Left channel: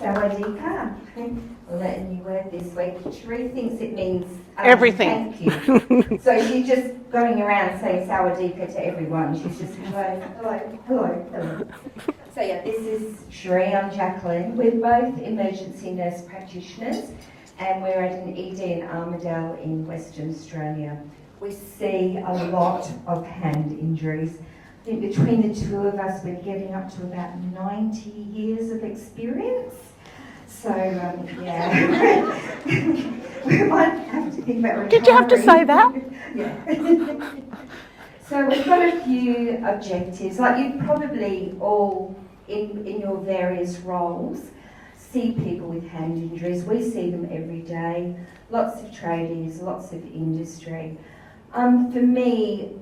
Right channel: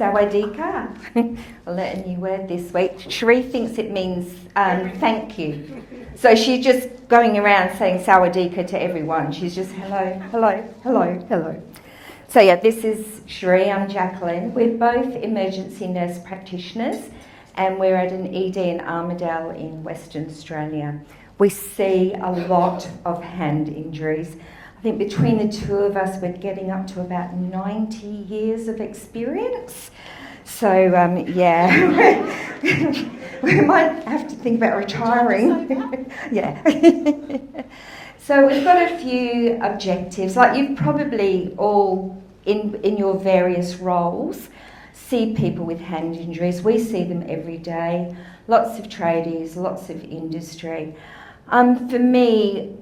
Sawadika. I'll let a new word this week. Cherie thinks it means everything. Thank you. So she's just going around saying Sawadika to everyone. She's just hello, hello, hello, hello. So yeah, this is Cherie, I'm Jacqueline. We're both emergency nurse practitioners and we're at an ED in Armidale in Western Australia. We see a lot of hand injuries. I think between the two of us, we're getting up to about 90 years of experience. So, yeah, we might have to think about retiring. Did you have to say that? Yeah. So we've got a few objectives. Like you've probably all, in your various roles, see people with hand injuries. We see them every day. Lots of tradies, lots of industry. For me,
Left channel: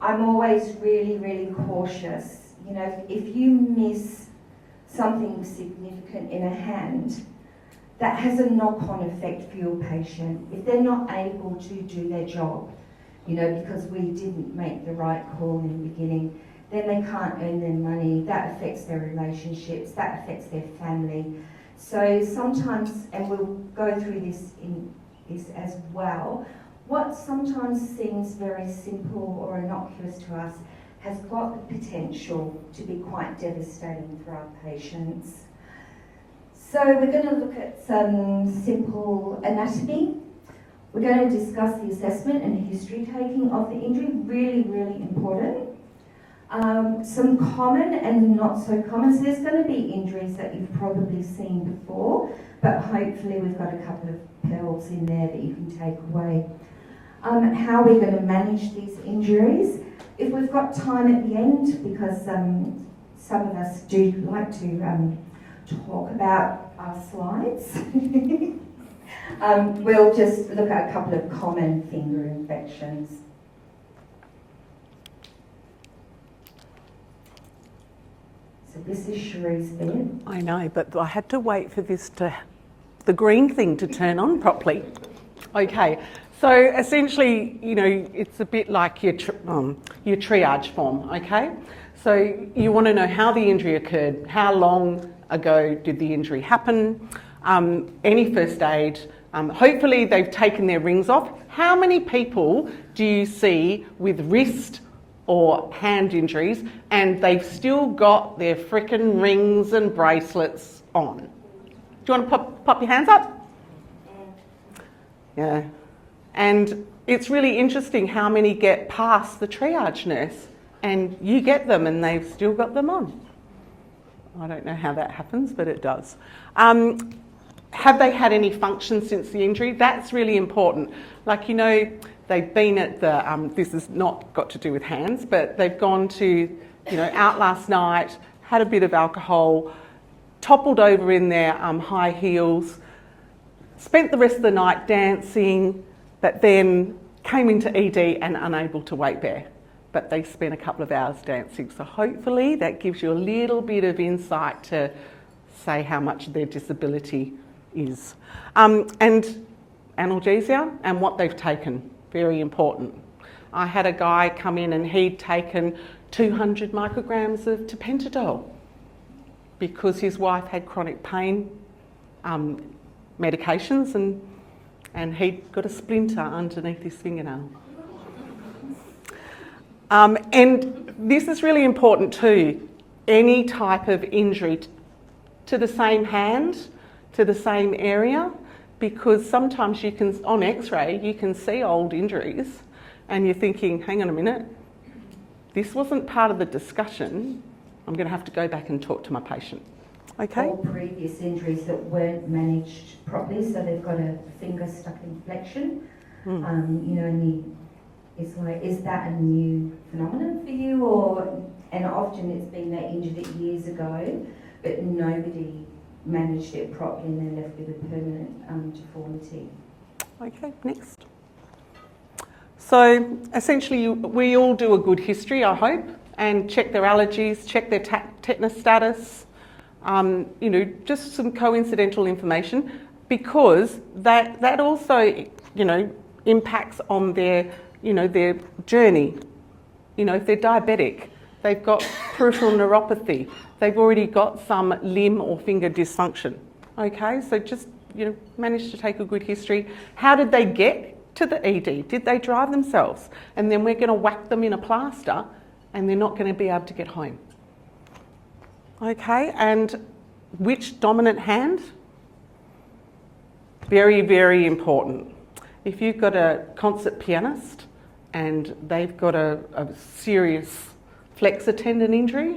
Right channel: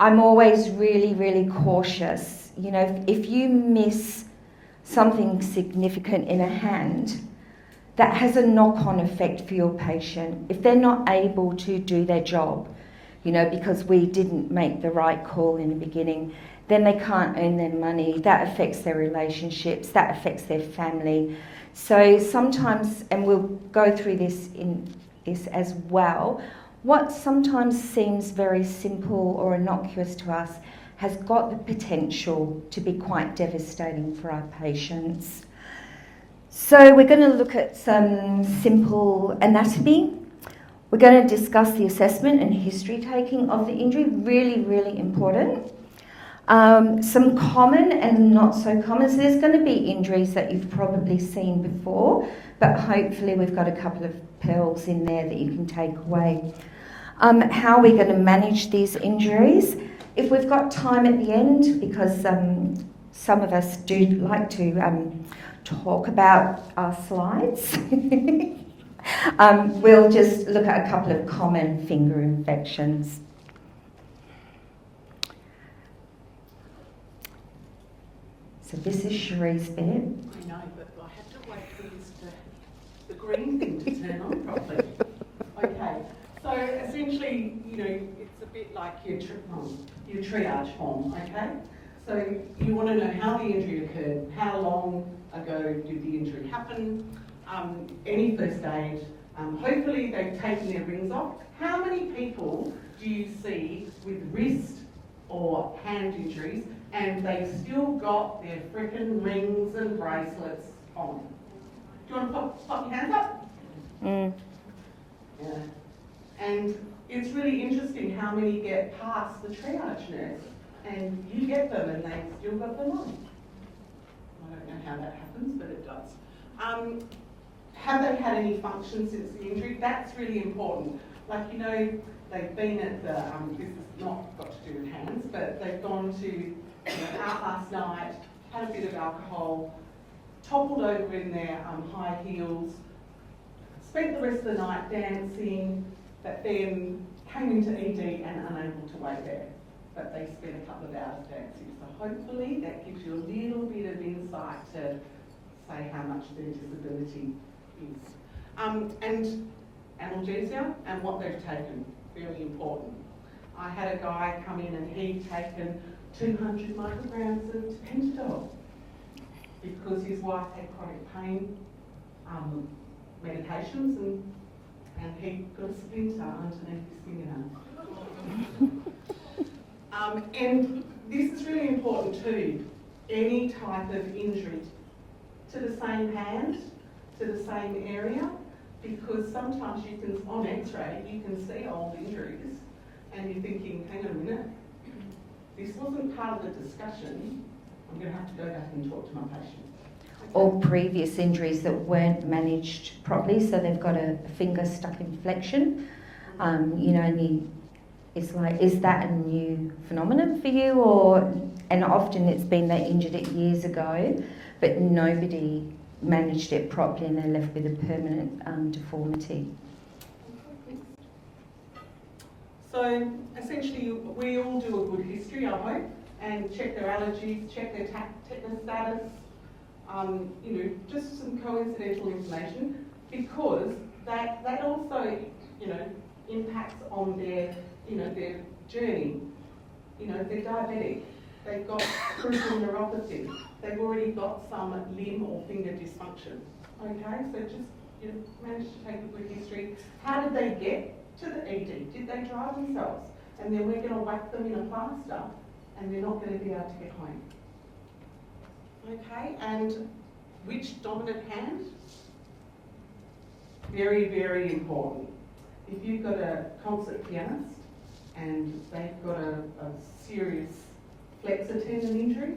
I'm always really, really cautious. You know, if you miss something significant in a hand, that has a knock-on effect for your patient. If they're not able to do their job, you know, because we didn't make the right call in the beginning, then they can't earn their money. That affects their relationships, that affects their family. So sometimes, and we'll go through this in this as well, what sometimes seems very simple or innocuous to us has got the potential to be quite devastating for our patients. So we're going to look at some simple anatomy. We're going to discuss the assessment and history taking of the injury, really, really important. Some common and not so common. So there's going to be injuries that you've probably seen before, but hopefully we've got a couple of pearls in there that you can take away. How are we going to manage these injuries? If we've got time at the end, because some of us do like to talk about our slides, we'll just look at a couple of common finger infections. So this is Cherie's bed. I know, but I had to wait for the green thing to turn on properly. Okay, so essentially, you know, it's a bit like your triage form, okay? So you want to know how the injury occurred, how long ago did the injury happen, any first aid, hopefully they've taken their rings off. How many people do you see with wrist or hand injuries and they've still got their frickin' rings and bracelets on? Do you want to pop your hands up? Yeah. And it's really interesting how many get past the triage nurse and you get them and they've still got them on. I don't know how that happens, but it does. Have they had any function since the injury? That's really important. Like, you know, they've been at the, this has not got to do with hands, but they've gone to, you know, out last night, had a bit of alcohol, toppled over in their high heels, spent the rest of the night dancing, but then came into ED and unable to weight bear. But they spent a couple of hours dancing. So hopefully that gives you a little bit of insight to say how much their disability is. And analgesia and what they've taken, very important. I had a guy come in and he'd taken 200 micrograms of tapentadol because his wife had chronic pain medications and he'd got a splinter underneath his fingernail. And this is really important too. Any type of injury to the same hand, to the same area, because sometimes you can, on x-ray, you can see old injuries and you're thinking, hang on a minute, this wasn't part of the discussion. I'm going to have to go back and talk to my patient. Okay. Or previous injuries that weren't managed properly, so they've got a finger stuck in flexion. You know, and it's like, is that a new phenomenon for you? And often it's been they injured it years ago, but nobody managed it properly and they're left with a permanent deformity. Okay, next. So essentially we all do a good history, I hope, and check their allergies, check their tetanus status, you know, just some coincidental information, because that also, you know, impacts on their, you know, their journey. You know, if they're diabetic, they've got peripheral neuropathy, they've already got some limb or finger dysfunction. Okay, so just, manage to take a good history. How did they get to the ED? Did they drive themselves? And then we're going to whack them in a plaster and they're not going to be able to get home. Okay, and which dominant hand? Very, very important. If you've got a concert pianist and they've got a serious flexor tendon injury,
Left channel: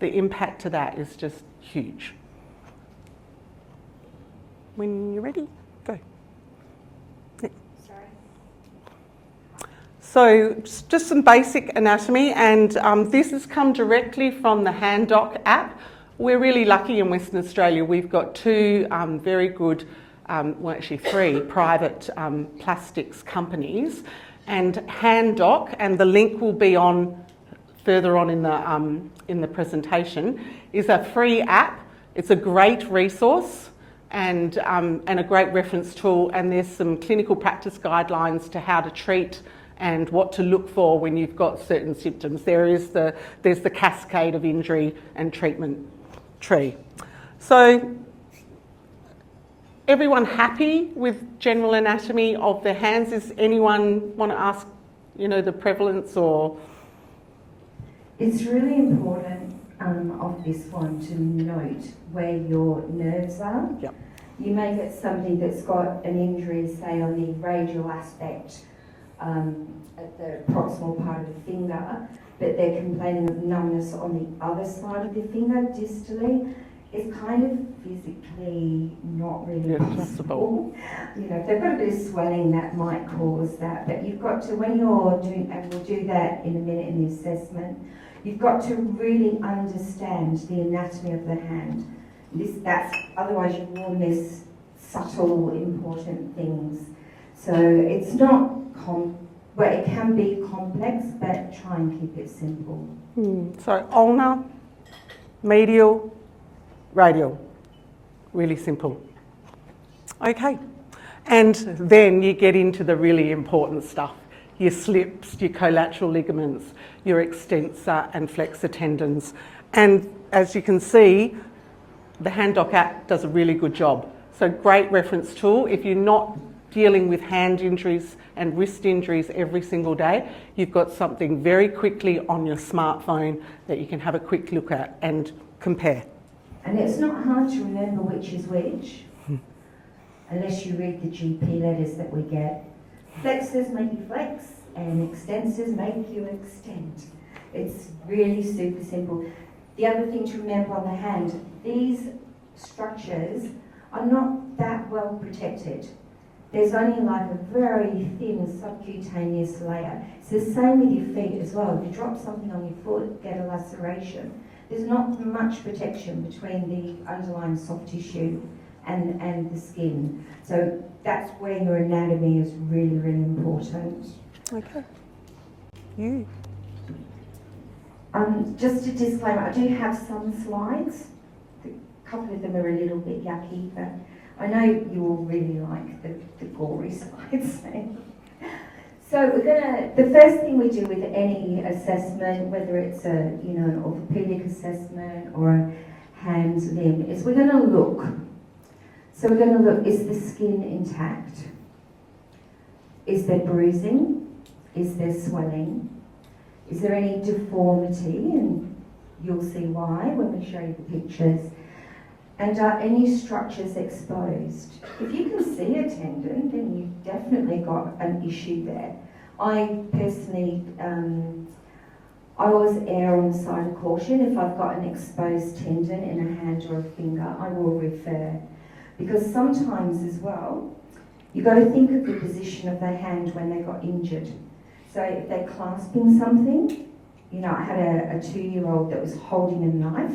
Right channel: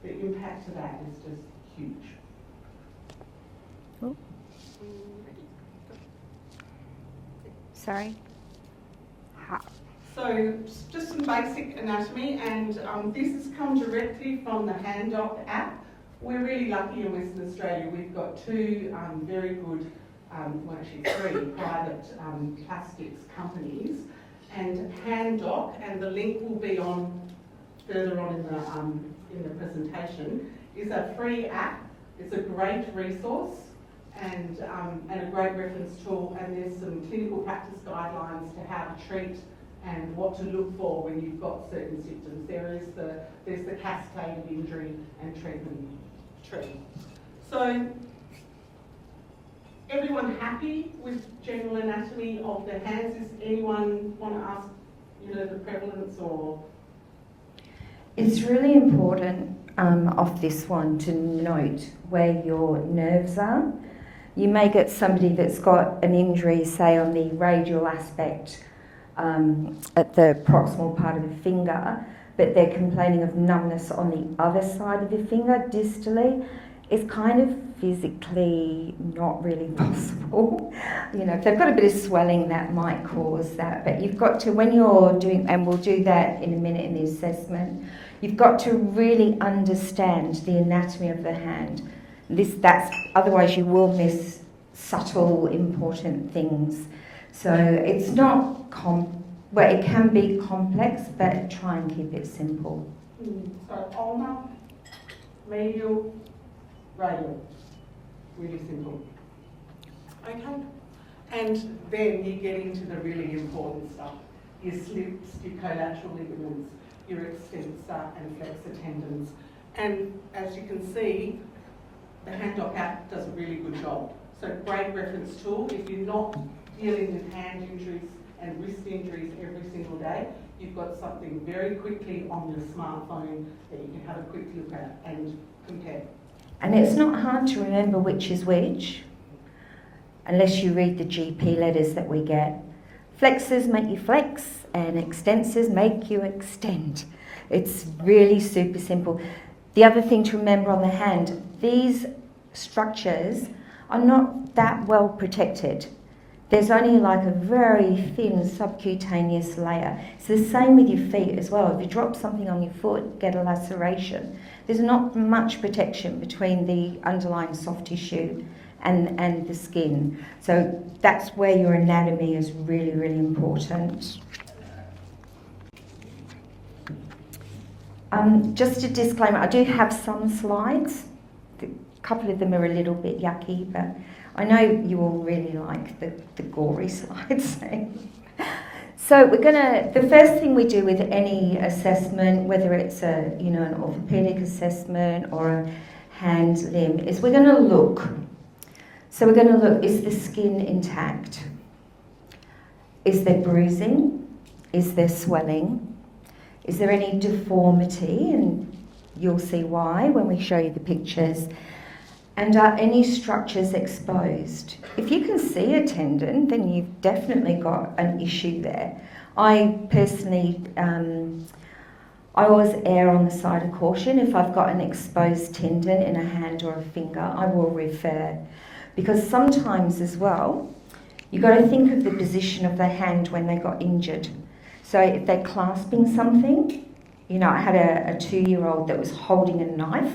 the impact to that is just huge. When you're ready, go. Sorry. So just some basic anatomy, and this has come directly from the Hand Doc app. We're really lucky in Western Australia. We've got two very good, well actually three private plastics companies, and Hand Doc, and the link will be on further on in the presentation, is a free app. It's a great resource and a great reference tool, and there's some clinical practice guidelines to how to treat and what to look for when you've got certain symptoms. There's the cascade of injury and treatment tree. So, everyone happy with general anatomy of their hands? Does anyone want to ask, the prevalence or? It's really important of this one to note where your nerves are. Yep. You may get somebody that's got an injury, say on the radial aspect at the proximal part of the finger, but they're complaining of numbness on the other side of the finger, distally. It's kind of physically not really possible. If they've got a bit of swelling, that might cause that. But you've got to, when you're doing, and we'll do that in a minute in the assessment, you've got to really understand the anatomy of the hand. Otherwise you will miss subtle, important things. So it's not, it can be complex, but try and keep it simple. So ulnar, medial, radial, really simple. Okay, and then you get into the really important stuff. Your slips, your collateral ligaments, your extensor and flexor tendons. And as you can see, the Hand Doc app does a really good job. So great reference tool. If you're not dealing with hand injuries and wrist injuries every single day, you've got something very quickly on your smartphone that you can have a quick look at and compare. And it's not hard to remember which is which, unless you read the GP letters that we get. Flexors make you flex, and extensors make you extend. It's really super simple. The other thing to remember on the hand, these structures are not that well protected. There's only like a very thin subcutaneous layer. It's the same with your feet as well. If you drop something on your foot, get a laceration. There's not much protection between the underlying soft tissue and the skin. So that's where your anatomy is really, really important. Okay. You. Just a disclaimer, I do have some slides. A couple of them are a little bit yucky, but I know you all really like the gory slides. So the first thing we do with any assessment, whether it's an orthopedic assessment or a hand limb, is we're going to look. So we're going to look, is the skin intact? Is there bruising? Is there swelling? Is there any deformity? And you'll see why when we show you the pictures. And are any structures exposed? If you can see a tendon, then you've definitely got an issue there. I personally, I always err on the side of caution. If I've got an exposed tendon in a hand or a finger, I will refer. Because sometimes as well, you've got to think of the position of the hand when they got injured. So if they're clasping something, I had a 2-year-old that was holding a knife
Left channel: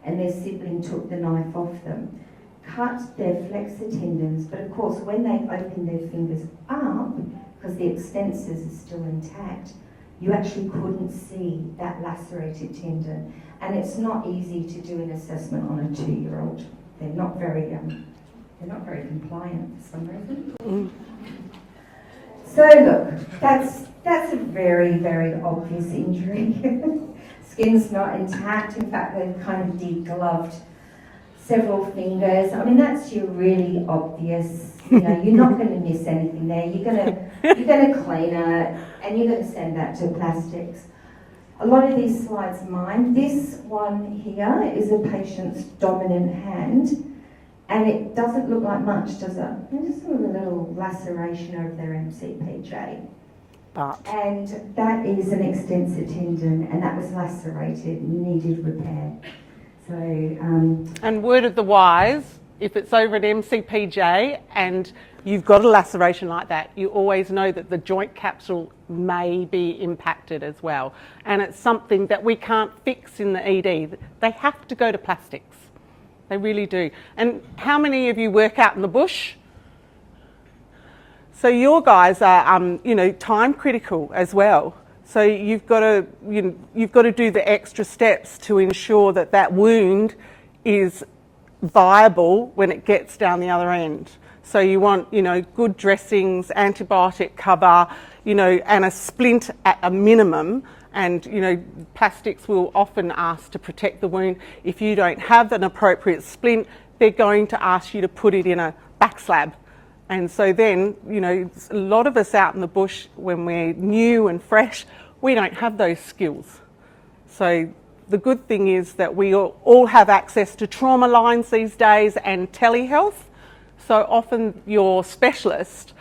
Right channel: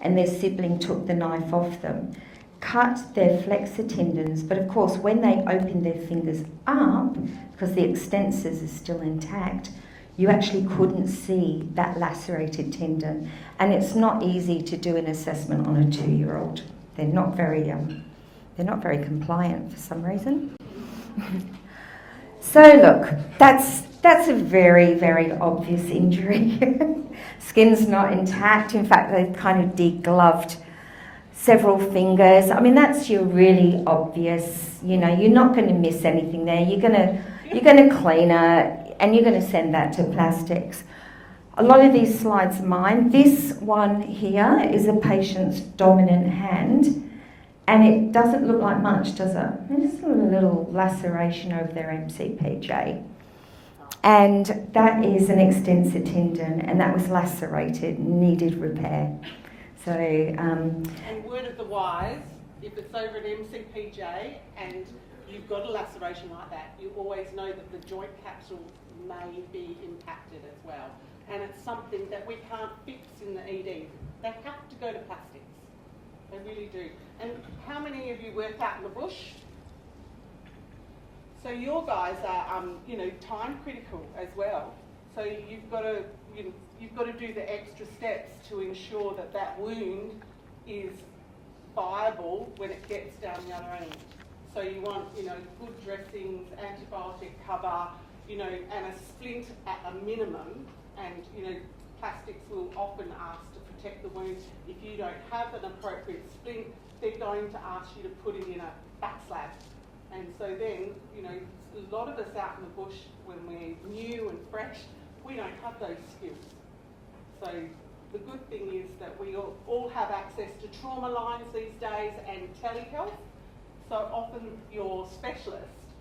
and their sibling took the knife off them, cut their flexor tendons, but of course when they opened their fingers up, because the extensors are still intact, you actually couldn't see that lacerated tendon. And it's not easy to do an assessment on a 2-year-old. They're not very compliant for some reason. So look, that's a very, very obvious injury. Skin's not intact. In fact, they've kind of degloved. several fingers. I mean, that's your really obvious, you know, you're not going to miss anything there. You're going to clean it and you're going to send that to plastics. A lot of these slides are mine. This one here is a patient's dominant hand, and it doesn't look like much, does it? There's just a little laceration over their MCPJ. And that is an extensor tendon, and that was lacerated, needed repair. So, and word of the wise, if it's over an MCPJ and you've got a laceration like that, you always know that the joint capsule may be impacted as well. And it's something that we can't fix in the ED. They have to go to plastics. They really do. And how many of you work out in the bush? So your guys are, you know, time critical as well. So you've got to, you've got to do the extra steps to ensure that that wound is viable when it gets down the other end. So you want, you know, good dressings, antibiotic cover, you know, and a splint at a minimum. And, you know, plastics will often ask to protect the wound. If you don't have an appropriate splint, they're going to ask you to put it in a back slab. And so then, you know, a lot of us out in the bush, when we're new and fresh, we don't have those skills. So the good thing is that we all have access to trauma lines these days and telehealth. So often your specialist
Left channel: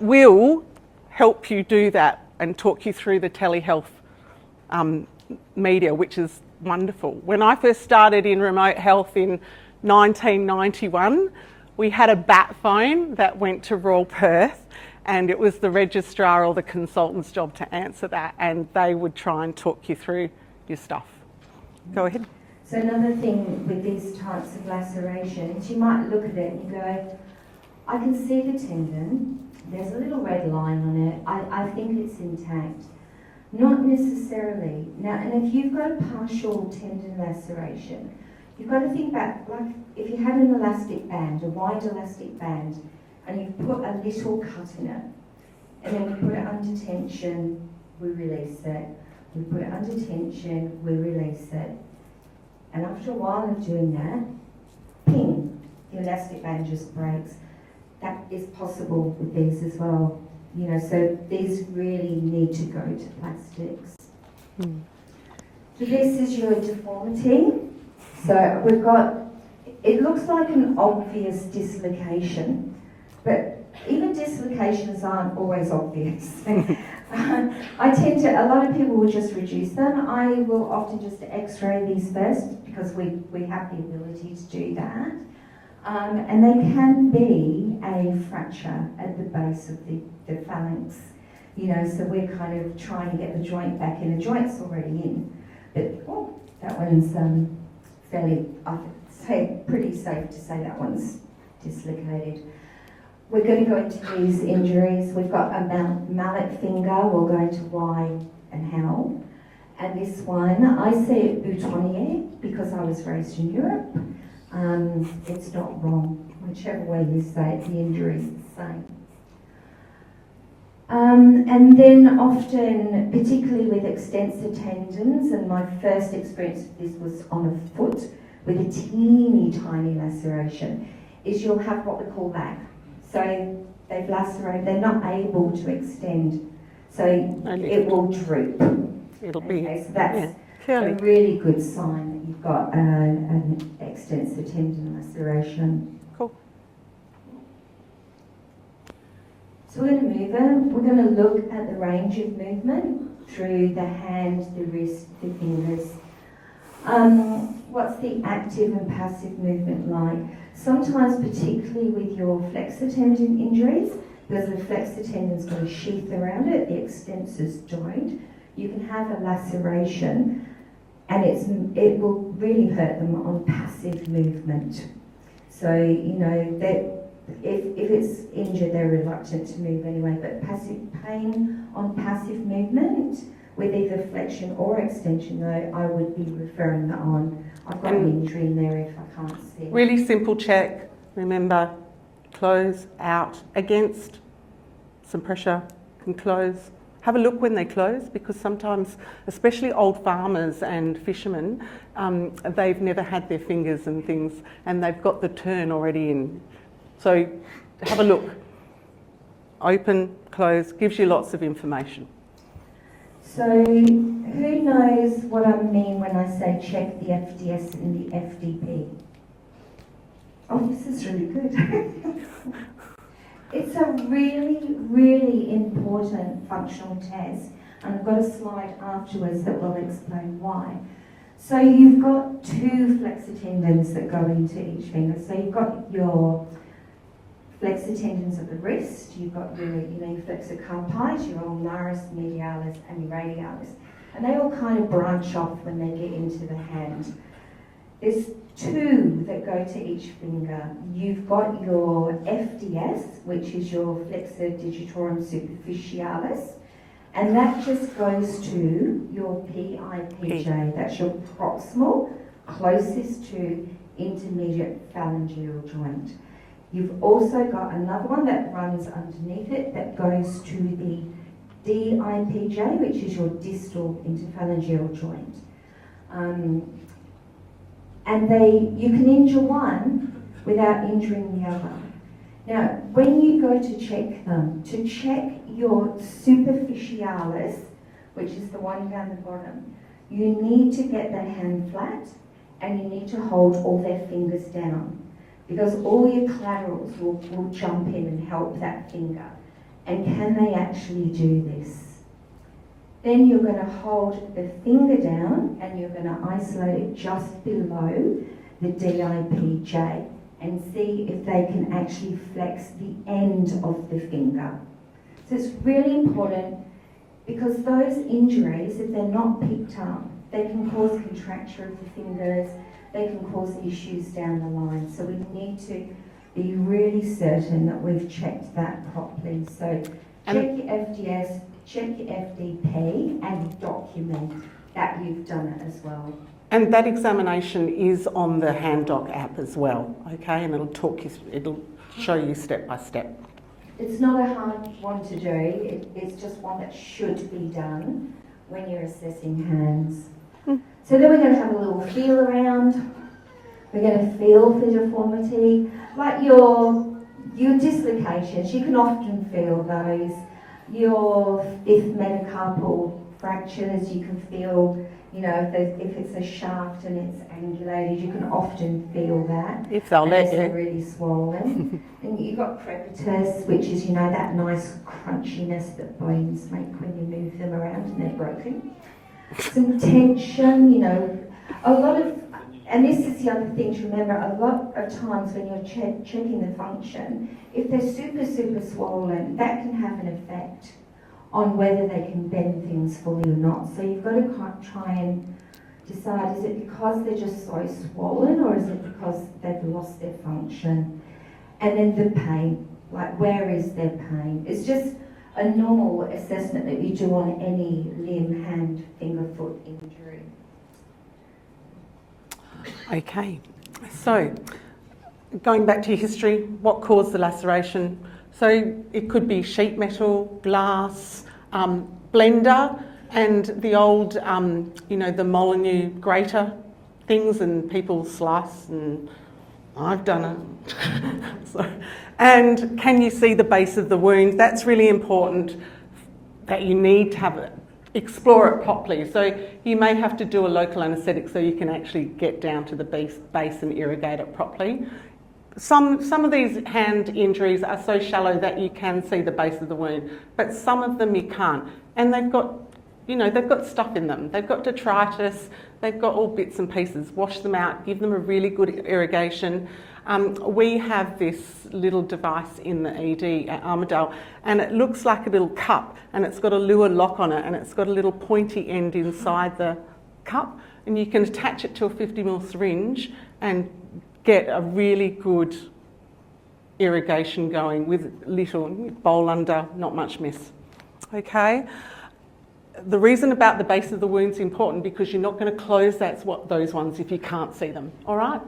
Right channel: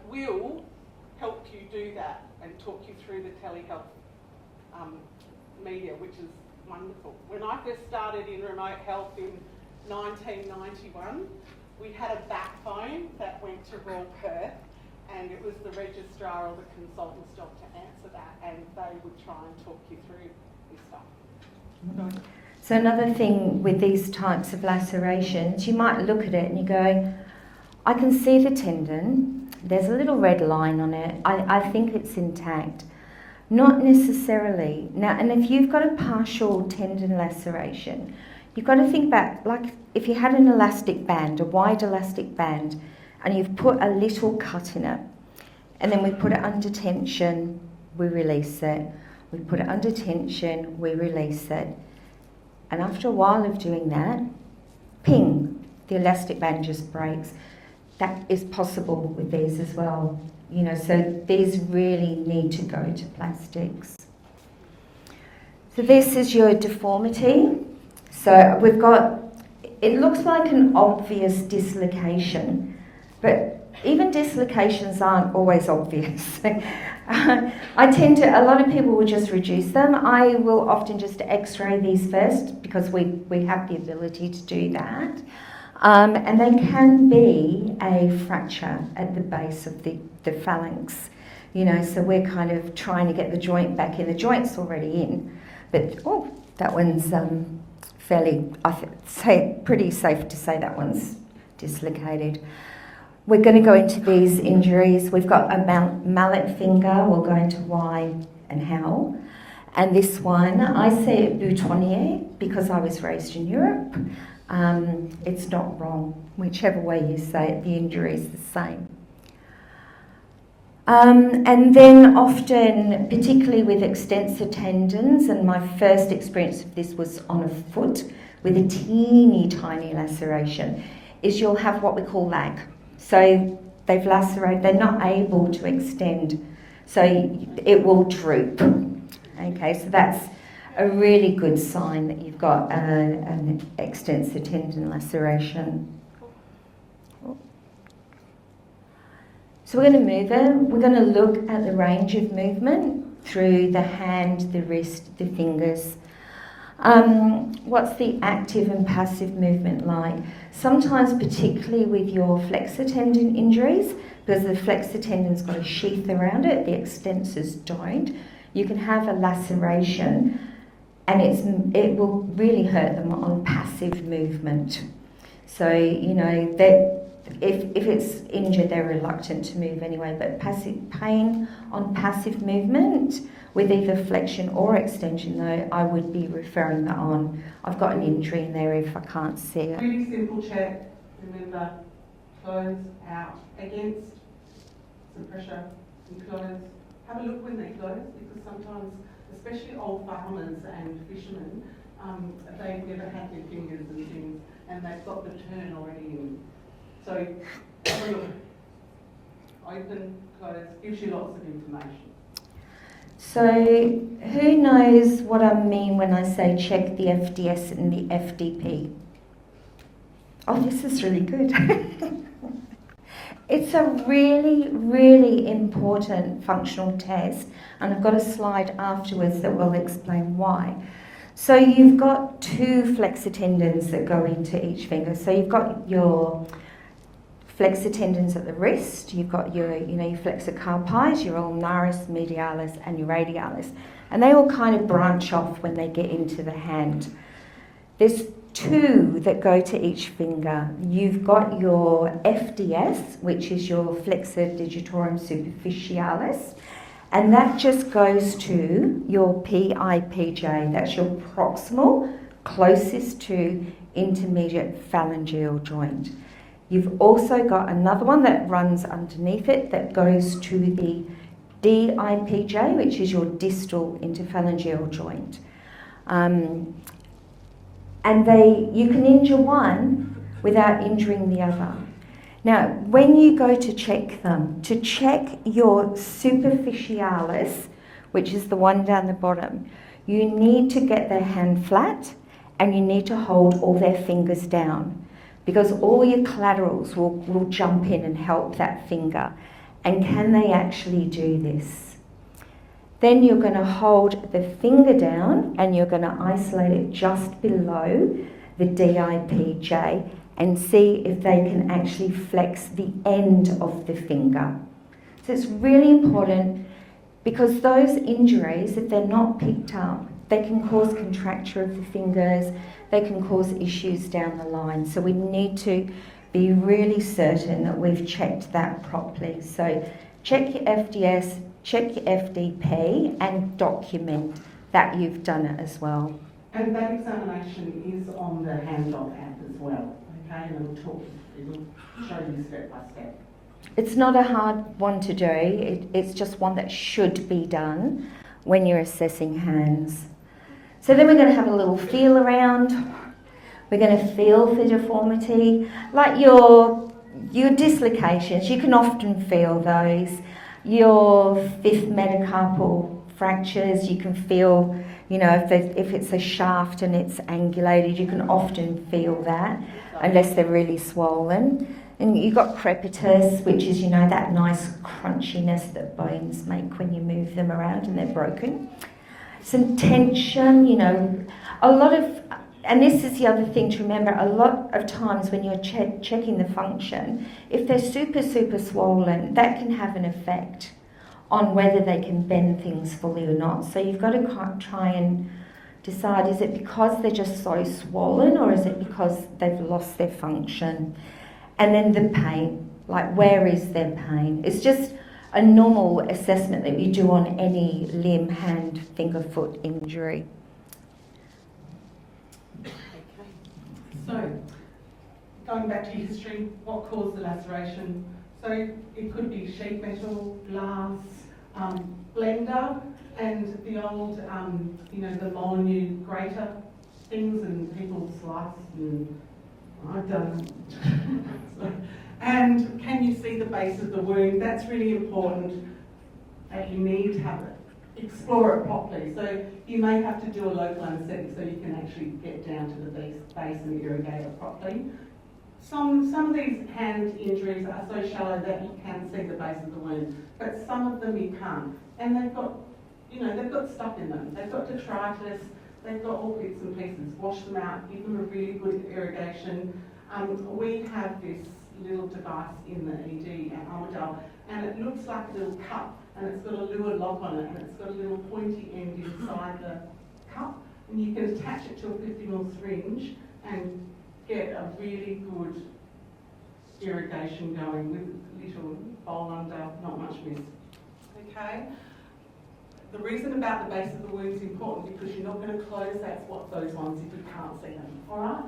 will help you do that and talk you through the telehealth media, which is wonderful. When I first started in remote health in 1991, we had a bat phone that went to Royal Perth, and it was the registrar or the consultant's job to answer that, and they would try and talk you through your stuff. Go ahead. So another thing with these types of lacerations, you might look at it and you go, I can see the tendon, there's a little red line on it, I think it's intact. Not necessarily. Now, and if you've got a partial tendon laceration, you've got to think back, like if you had an elastic band, a wide elastic band, and you've put a little cut in it, and then we put it under tension, we release it. We put it under tension, we release it. And after a while of doing that, ping, the elastic band just breaks. That is possible with these as well. You know, so these really need to go to plastics. So this is your deformity. So we've got, it looks like an obvious dislocation, but even dislocations aren't always obvious. I tend to, a lot of people will just reduce them. I will often just x-ray these first because we have the ability to do that. And there can be a fracture at the base of the phalanx, you know, so we're kind of trying to get the joint back in. The joint's already in, but oh, that one's fairly, pretty safe to say that one's dislocated. We're going to go into these injuries. We've got a mallet finger, we'll go into why and how. And this one, I say it boutonniere because I was raised in Europe. It's not wrong. Whichever way you say it, the injury is the same. And then often, particularly with extensor tendons, and my first experience of this was on a foot with a teeny tiny laceration, is you'll have what we call lag. So they've lacerated, they're not able to extend, so it will droop. Okay, so that's a really good sign that you've got an extensor tendon laceration. Cool. So we're going to move it. We're going to look at the range of movement through the hand, the wrist, the fingers. What's the active and passive movement like? Sometimes, particularly with your flexor tendon injuries, because the flexor tendon's got a sheath around it, the extensors don't, you can have a laceration and it will really hurt them on passive movement. So, you know, that if it's injured, they're reluctant to move anyway, but passive pain on passive movement with either flexion or extension, though, I would be referring that on. I've got an injury in there if I can't see it. Really simple check. Remember, close, out, against, some pressure, can close. Have a look when they close, because sometimes, especially old farmers and fishermen, they've never had their fingers and things, and they've got the turn already in. So have a look. Open, close, gives you lots of information. So who knows what I mean when I say check the FDS and the FDP? Oh, this is really good. It's a really, really important functional test, and I've got a slide afterwards that will explain why. So you've got two flexor tendons that go into each finger. So you've got your flexor tendons at the wrist, you've got your, your flexor carpi, your ulnaris, medialis, and your radialis. And they all kind of branch off when they get into the hand. There's two that go to each finger. You've got your FDS, which is your flexor digitorum superficialis, and that just goes to your PIPJ, that's your proximal, closest to intermediate phalangeal joint. You've also got another one that runs underneath it that goes to the DIPJ, which is your distal interphalangeal joint. And you can injure one without injuring the other. Now, when you go to check them, to check your superficialis, which is the one down the bottom, you need to get their hand flat and you need to hold all their fingers down, because all your collaterals will jump in and help that finger. And can they actually do this? Then you're going to hold the finger down and you're going to isolate it just below the DIPJ and see if they can actually flex the end of the finger. So it's really important, because those injuries, if they're not picked up, they can cause contracture of the fingers, they can cause issues down the line. So we need to be really certain that we've checked that properly. So check your FDS, check your FDP, and document that you've done it as well. And that examination is on the HandDog app as well, okay? And it'll show you step by step. It's not a hard one to do. It's just one that should be done when you're assessing hands. So then we're going to have a little feel around. We're going to feel for deformity. Like your dislocations, you can often feel those. Your fifth metacarpal fractures, you can feel, if it's a shaft and it's angulated, you can often feel that, unless they're really swollen. And you've got crepitus, which is, that nice crunchiness that bones make when you move them around and they're broken. Some tension, a lot of, and this is the other thing to remember, a lot of times when you're checking the function, if they're super, super swollen, that can have an effect on whether they can bend things fully or not. So you've got to try and decide, is it because they're just so swollen, or is it because they've lost their function? And then the pain, like where is their pain? It's just a normal assessment that you do on any limb, hand, finger, foot injury. Okay, so going back to your history, what caused the laceration? So it could be sheet metal, glass, blender, and the old, the Molyneux grater things, and people slice, and I've done it. And can you see the base of the wound? That's really important, that you need to explore it properly. So you may have to do a local anaesthetic so you can actually get down to the base and irrigate it properly. Some of these hand injuries are so shallow that you can see the base of the wound, but some of them you can't. And they've got stuff in them. They've got detritus, they've got all bits and pieces. Wash them out, give them a really good irrigation. We have this little device in the ED at Armidale, and it looks like a little cup, and it's got a Luer lock on it, and it's got a little pointy end inside the cup, and you can attach it to a 50ml syringe and get a really good irrigation going with little bowl under, not much mess. Okay? The reason about the base of the wound's important, because you're not going to close those ones if you can't see them, all right?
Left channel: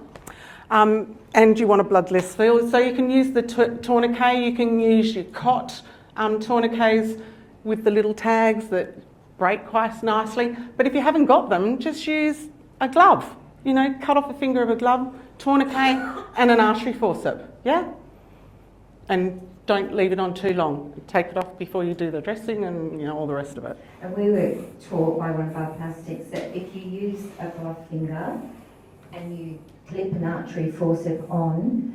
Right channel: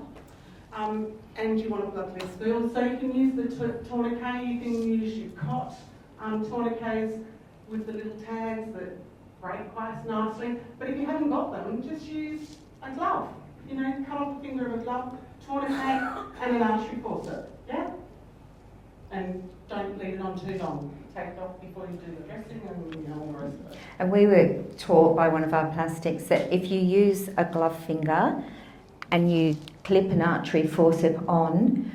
And you want a bloodless feel, so you can use the tourniquet, you can use your cot tourniquets with the little tags that break quite nicely, but if you haven't got them, just use a glove. You know, cut off a finger of a glove, tourniquet and an artery forceps, yeah? And don't leave it on too long. Take it off before you do the dressing and, you know, all the rest of it. And we were taught by one of our plastics that if you use a glove finger and you clip an artery forceps on,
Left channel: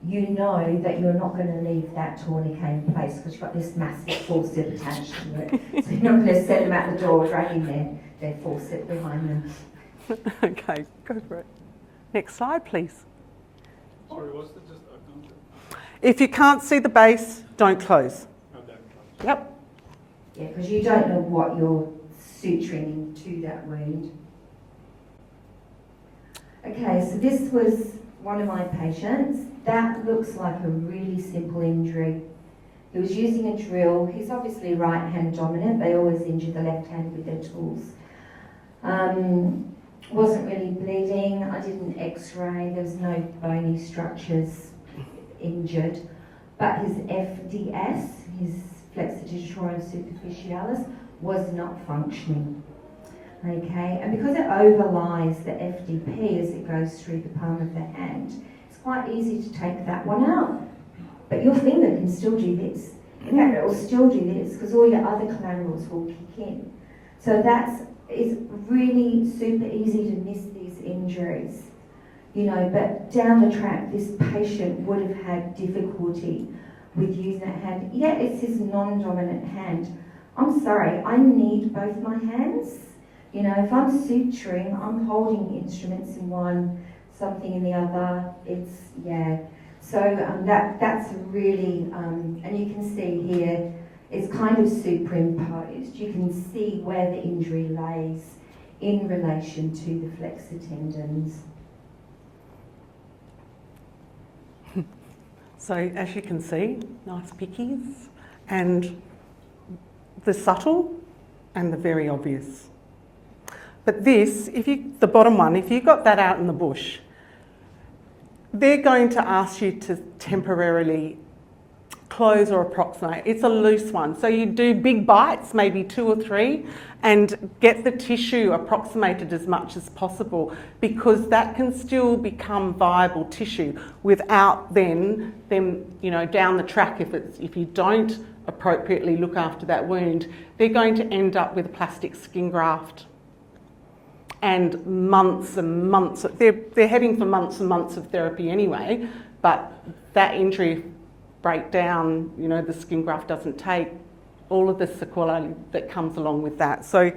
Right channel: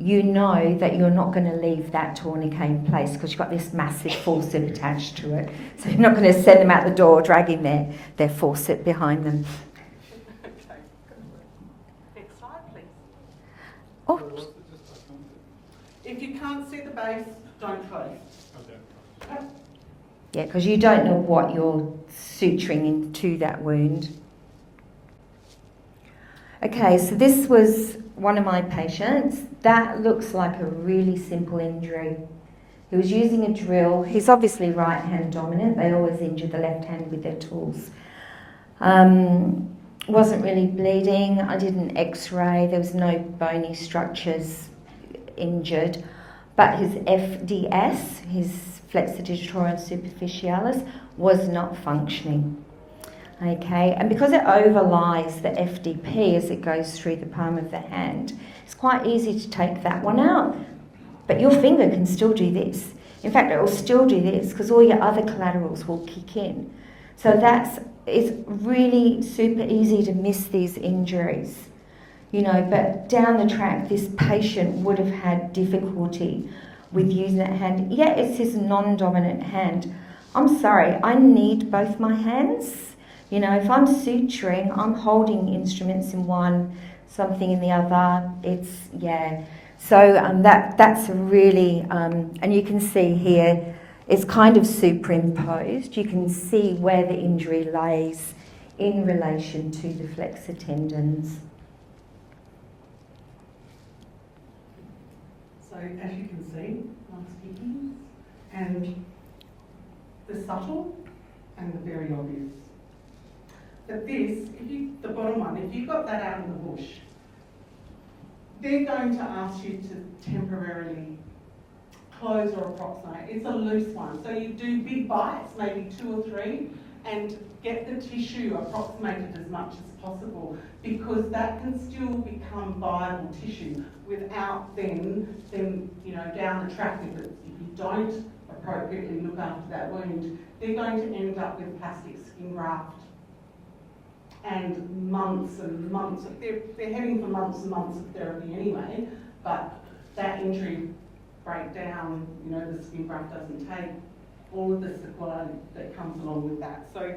you know that you're not going to leave that tourniquet in place because you've got this massive forceps attached to it. So you're not going to send them out the door dragging their forceps behind them. Okay, go for it. Next slide, please. Oh, If you can't see the base, don't close. Yep. yeah, because you don't know what you're suturing into that wound. Okay, so this was one of my patients. That looks like a really simple injury. He was using a drill. He's obviously right hand dominant. They always injure the left hand with their tools. Wasn't really bleeding. I did an x-ray. There was no bony structures injured. But his FDS, his flexor digitorum superficialis, was not functioning. Okay, and because it overlies the FDP as it goes through the palm of the hand, it's quite easy to take that one out. But your finger can still do this. In fact, it will still do this because all your other collaterals will kick in. So it's really super easy to miss these injuries. You know, but down the track, this patient would have had difficulty with using that hand. Yeah, it's his non-dominant hand. I'm sorry, I need both my hands. You know, if I'm suturing, I'm holding instruments in one, something in the other. It's, yeah. So that's really, and you can see here, it's kind of superimposed. You can see where the injury lays in relation to the flexor tendons. So as you can see, nice pickies, and the subtle and the very obvious. But this, the bottom one, if you got that out in the bush, they're going to ask you to temporarily close or approximate. It's a loose one. So you do big bites, maybe 2 or 3, and get the tissue approximated as much as possible because that can still become viable tissue without then, you know, down the track, if you don't appropriately look after that wound, they're going to end up with plastic skin graft. And months and months, they're heading for months and months of therapy anyway, but that injury breakdown, you know, the skin graft doesn't take, all of the sequelae that comes along with that. So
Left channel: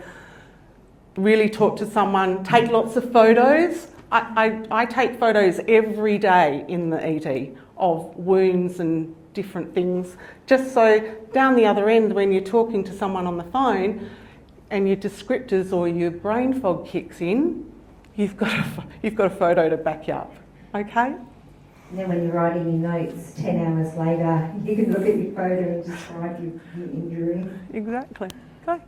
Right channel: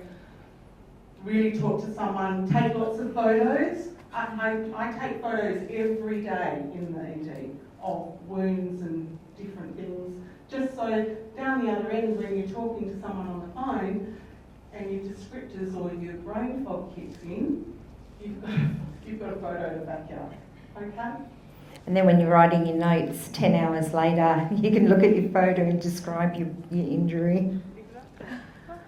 really talk to someone, take lots of photos. I take photos every day in the ED of wounds and different things, just so down the other end when you're talking to someone on the phone and your descriptors or your brain fog kicks in, you've got a photo to back you up, okay? And then when you're writing your notes 10 hours later, you can look at your photo and describe your injury. Exactly. Okay.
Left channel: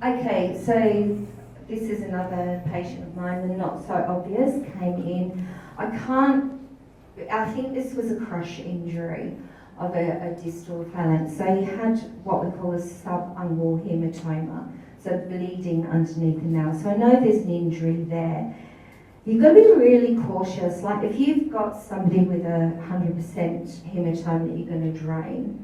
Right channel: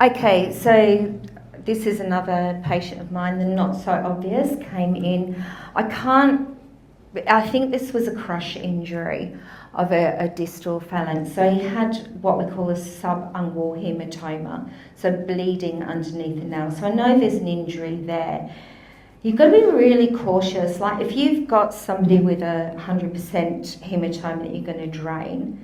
Okay, so this is another patient of mine, the not so obvious, came in. I think this was a crush injury of a distal phalanx. So he had what we call a subungual hematoma, so bleeding underneath the nail. So I know there's an injury there. You've got to be really cautious. Like if you've got somebody with a 100% hematoma that you're going to drain,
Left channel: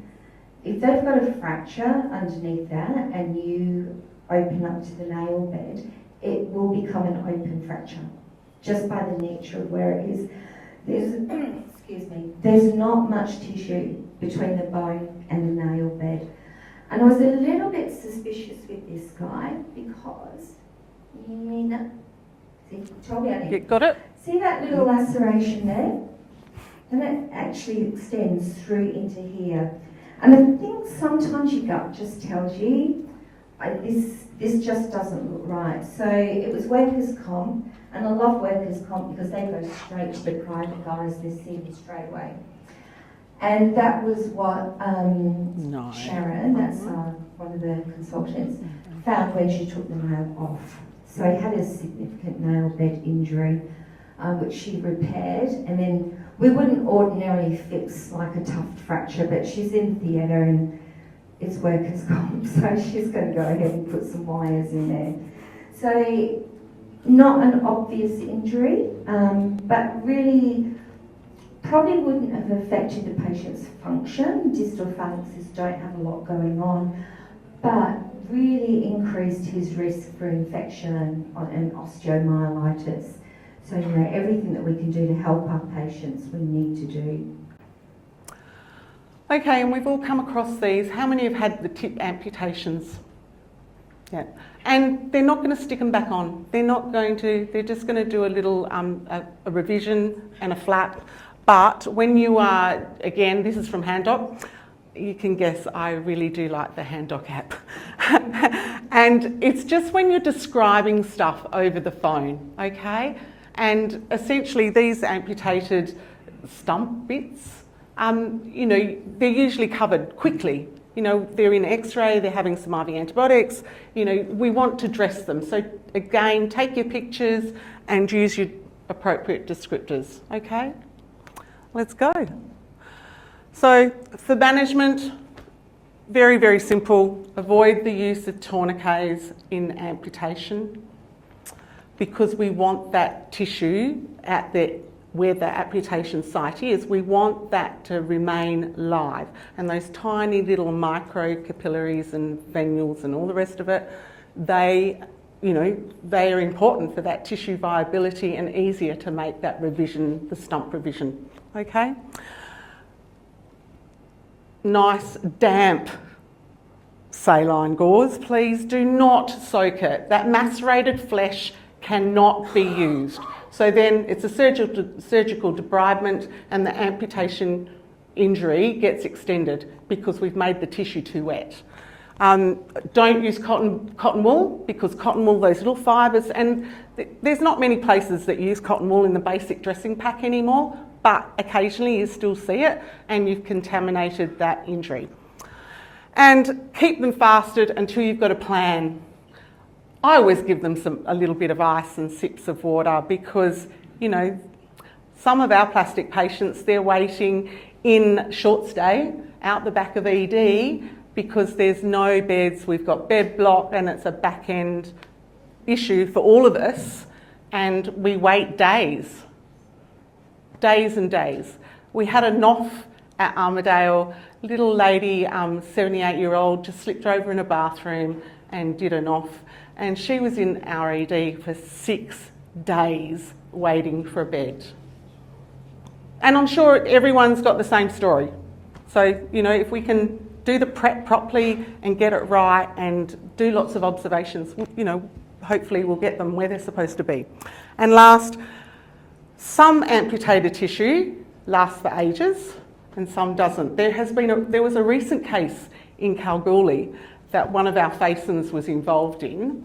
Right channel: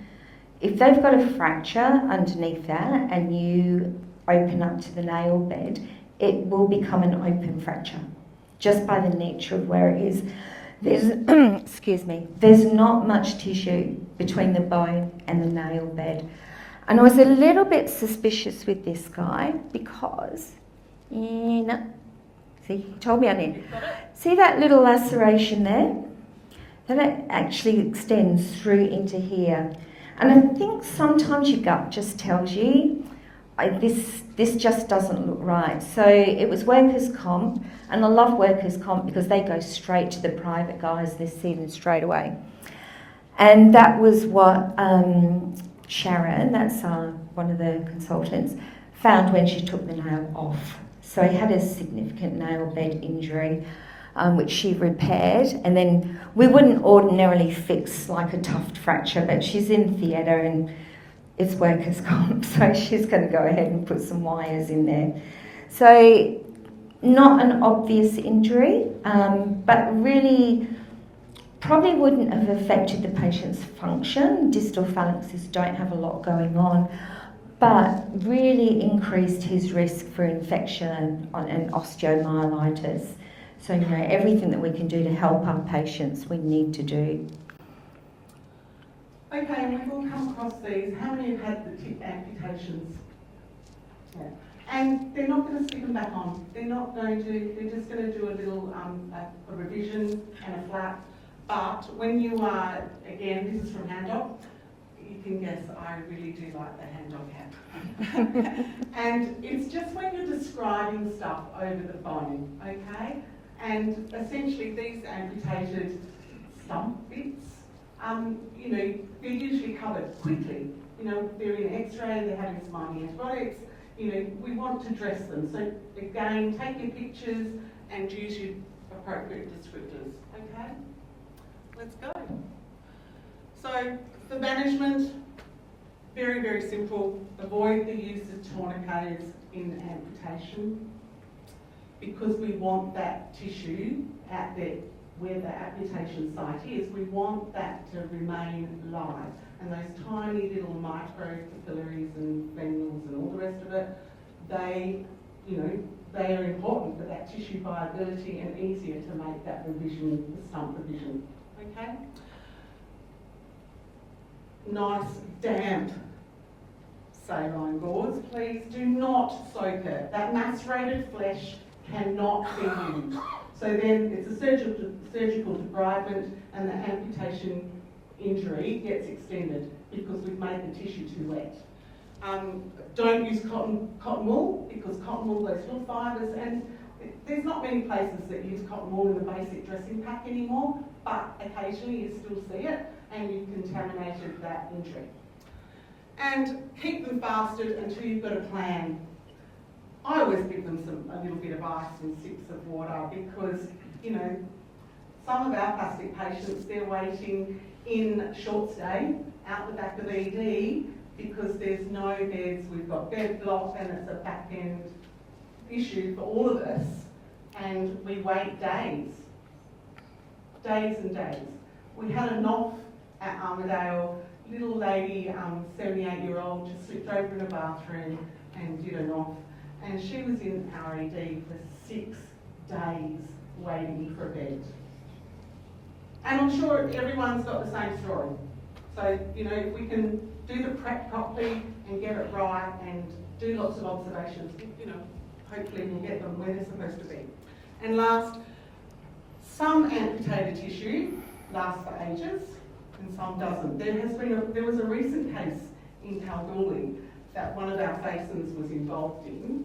if they've got a fracture underneath that and you open up to the nail bed, it will become an open fracture just by the nature of where it is. There's, excuse me, there's not much tissue between the bone and the nail bed. And I was a little bit suspicious with this guy because, see, he told me I need. You got it? See that little laceration there? That actually extends through into here. And I think sometimes your gut just tells you, this just doesn't look right. So it was workers' comp, and I love workers' comp because they go straight to the private guys, they see them straight away. And that was what Sharon, that's one of the consultants, found when she took the nail off. So he had a significant nail bed injury, which she repaired. And then we wouldn't ordinarily fix like a tuft fracture, but she's in theatre and it's workers' comp, so she's going to go ahead and put some wires in there. So not an obvious injury, but really probably wouldn't have affected the patient's function. Distal phalanxes don't have a lot going on, but really increased his risk for infection and osteomyelitis. So, you know, everything that we can do to help our patients, we need to do. Okay, and we've all come across these. How many have had the tip amputations? Yeah. And they're not going to stick them back on. They're just going to do a little a revision and a flap. But when you are, again, this is from HandDoc, you can guess I really do like the HandDoc app. And it's just when you're describing stuff over the phone, okay? And essentially these amputated stump bits, you know, they're usually covered quickly. You know, they're in X-ray, they're having some IV antibiotics, you know, we want to dress them. So again, take your pictures and use your appropriate descriptors, okay? Let's go. So for management, very, very simple. Avoid the use of tourniquets in amputation because we want that tissue at where the amputation site is, we want that to remain live. And those tiny little micro capillaries and venules and all the rest of it, they are important for that tissue viability and easier to make that revision, the stump revision, okay? Nice, damp saline gauze. Please do not soak it. That macerated flesh cannot be used. So then it's a surgical debridement and the amputation injury gets extended because we've made the tissue too wet. Don't use cotton wool because cotton wool, those little fibres, and there's not many places that use cotton wool in the basic dressing pack anymore, but occasionally you still see it and you've contaminated that injury. And keep them fasted until you've got a plan. I always give them a little bit of ice and sips of water because, you know, some of our plastic patients, they're waiting in short stay out the back of ED because there's no beds. We've got bed block and it's a back end issue for all of us, and we wait days and days. We had a NOF at Armidale, little lady, 78-year-old, just slipped over in a bathroom and did a NOF. And she was in our ED for 6 days waiting for a bed. And I'm sure everyone's got the same story. So, you know, if we can do the prep properly and get it right and do lots of observations, you know, hopefully we'll get them where they're supposed to be. And last, some amputated tissue lasts for ages and some doesn't. There was a recent case in Kalgoorlie that one of our FACENs was involved in,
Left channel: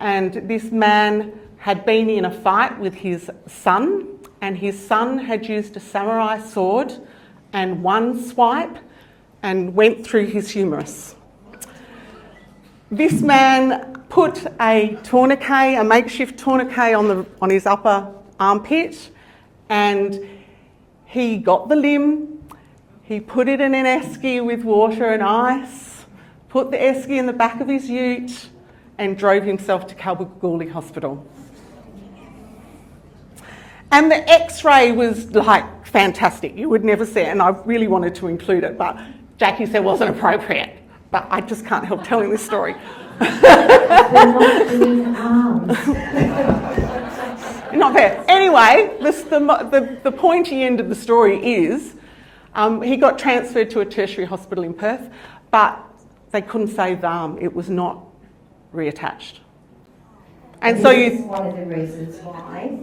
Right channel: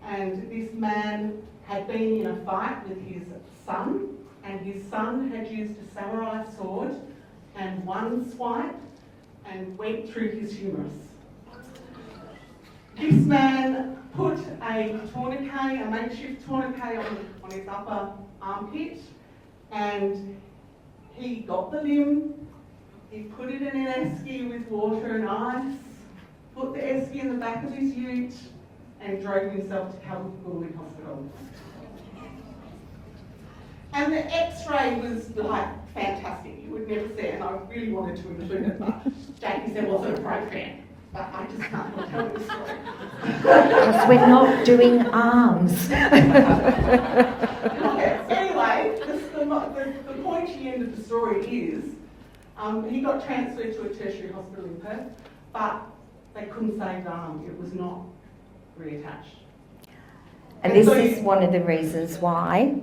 and this man had been in a fight with his son, and his son had used a samurai sword and one swipe and went through his humerus. This man put a tourniquet, a makeshift tourniquet on his upper armpit, and he got the limb, he put it in an esky with water and ice, put the esky in the back of his ute and drove himself to Kalgoorlie Hospital. And the X-ray was like fantastic. You would never see it, and I really wanted to include it, but Jackie said it wasn't appropriate. But I just can't help telling this story. We're not doing arms. Not fair. Anyway, the pointy end of the story is he got transferred to a tertiary hospital in Perth, but they couldn't save the arm. It was not reattached. And this so is one of the reasons why,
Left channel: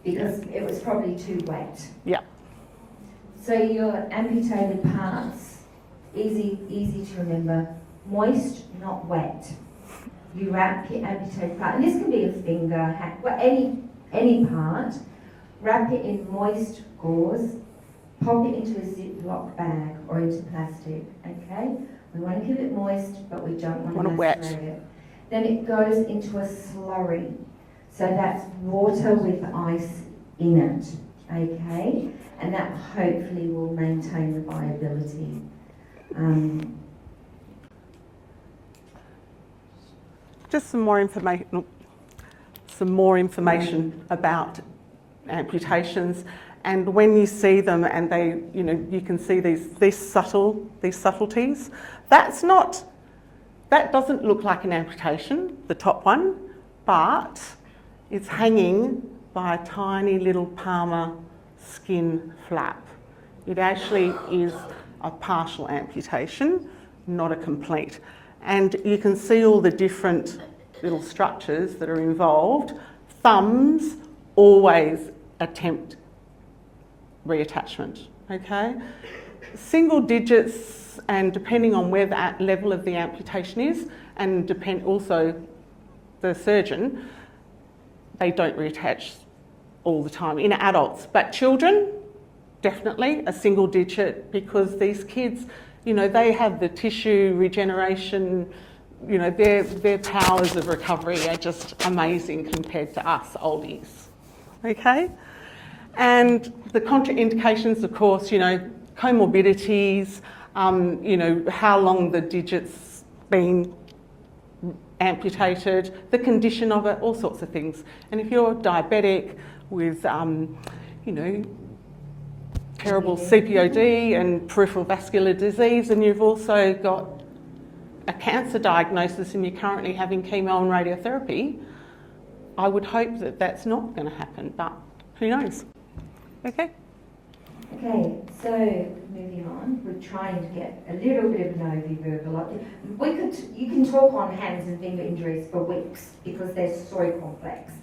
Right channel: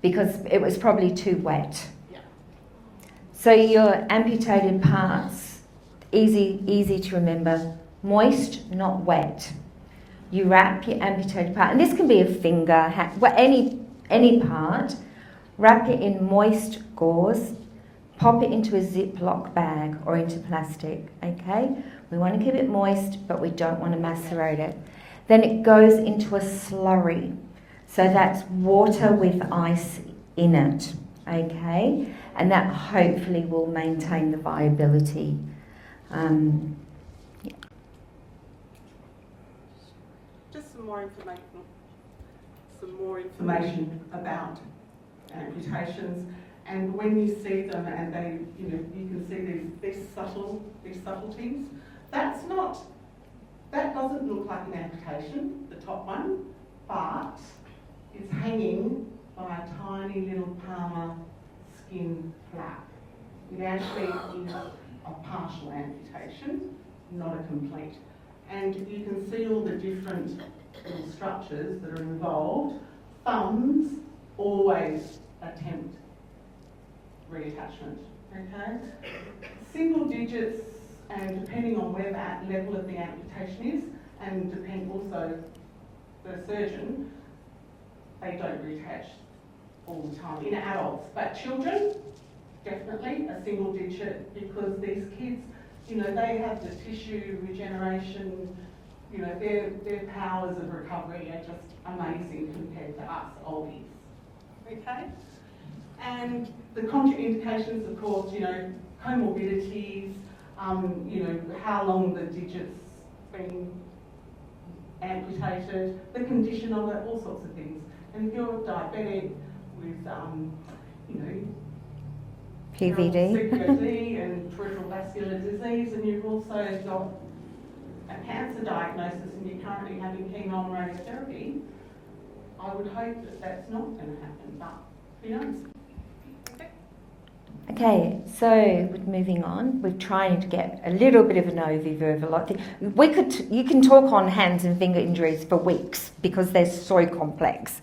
because it was probably too wet. Yeah. So your amputated parts, easy to remember, moist, not wet. You wrap your amputated part, and this can be a finger, hand, any part, wrap it in moist gauze, pop it into a Ziploc bag or into plastic, okay? We want to keep it moist, but we don't want to macerate it. Then it goes into a slurry. So that's water with ice in it, okay? And that hopefully will maintain the viability. Just some more information. some more information about amputations. And when you see them and they, you can see these subtleties, that doesn't look like an amputation, the top one, but it's hanging by a tiny little palmar skin flap. It actually is a partial amputation, not a complete. And you can see all the different little structures that are involved. Thumbs always attempt reattachment, okay? Single digits, and depending on where that level of the amputation is, and depend also the surgeon, they don't reattach all the time in adults. But children, definitely a single digit, because these kids, they have the tissue regeneration, their powers of recovery are just amazing compared to us oldies, okay? And the contraindications, of course, comorbidities, how long the digit's been amputated, the condition of it, all sorts of things. And if you're diabetic with, terrible CPOD and peripheral vascular disease, and you've also got a cancer diagnosis and you're currently having chemo and radiotherapy, I would hope that that's not going to happen, but who knows? Okay. Okay, so moving on, we're trying to get a little bit of an overview of a lot of things. You can talk on hands and finger injuries for weeks because they're so complex.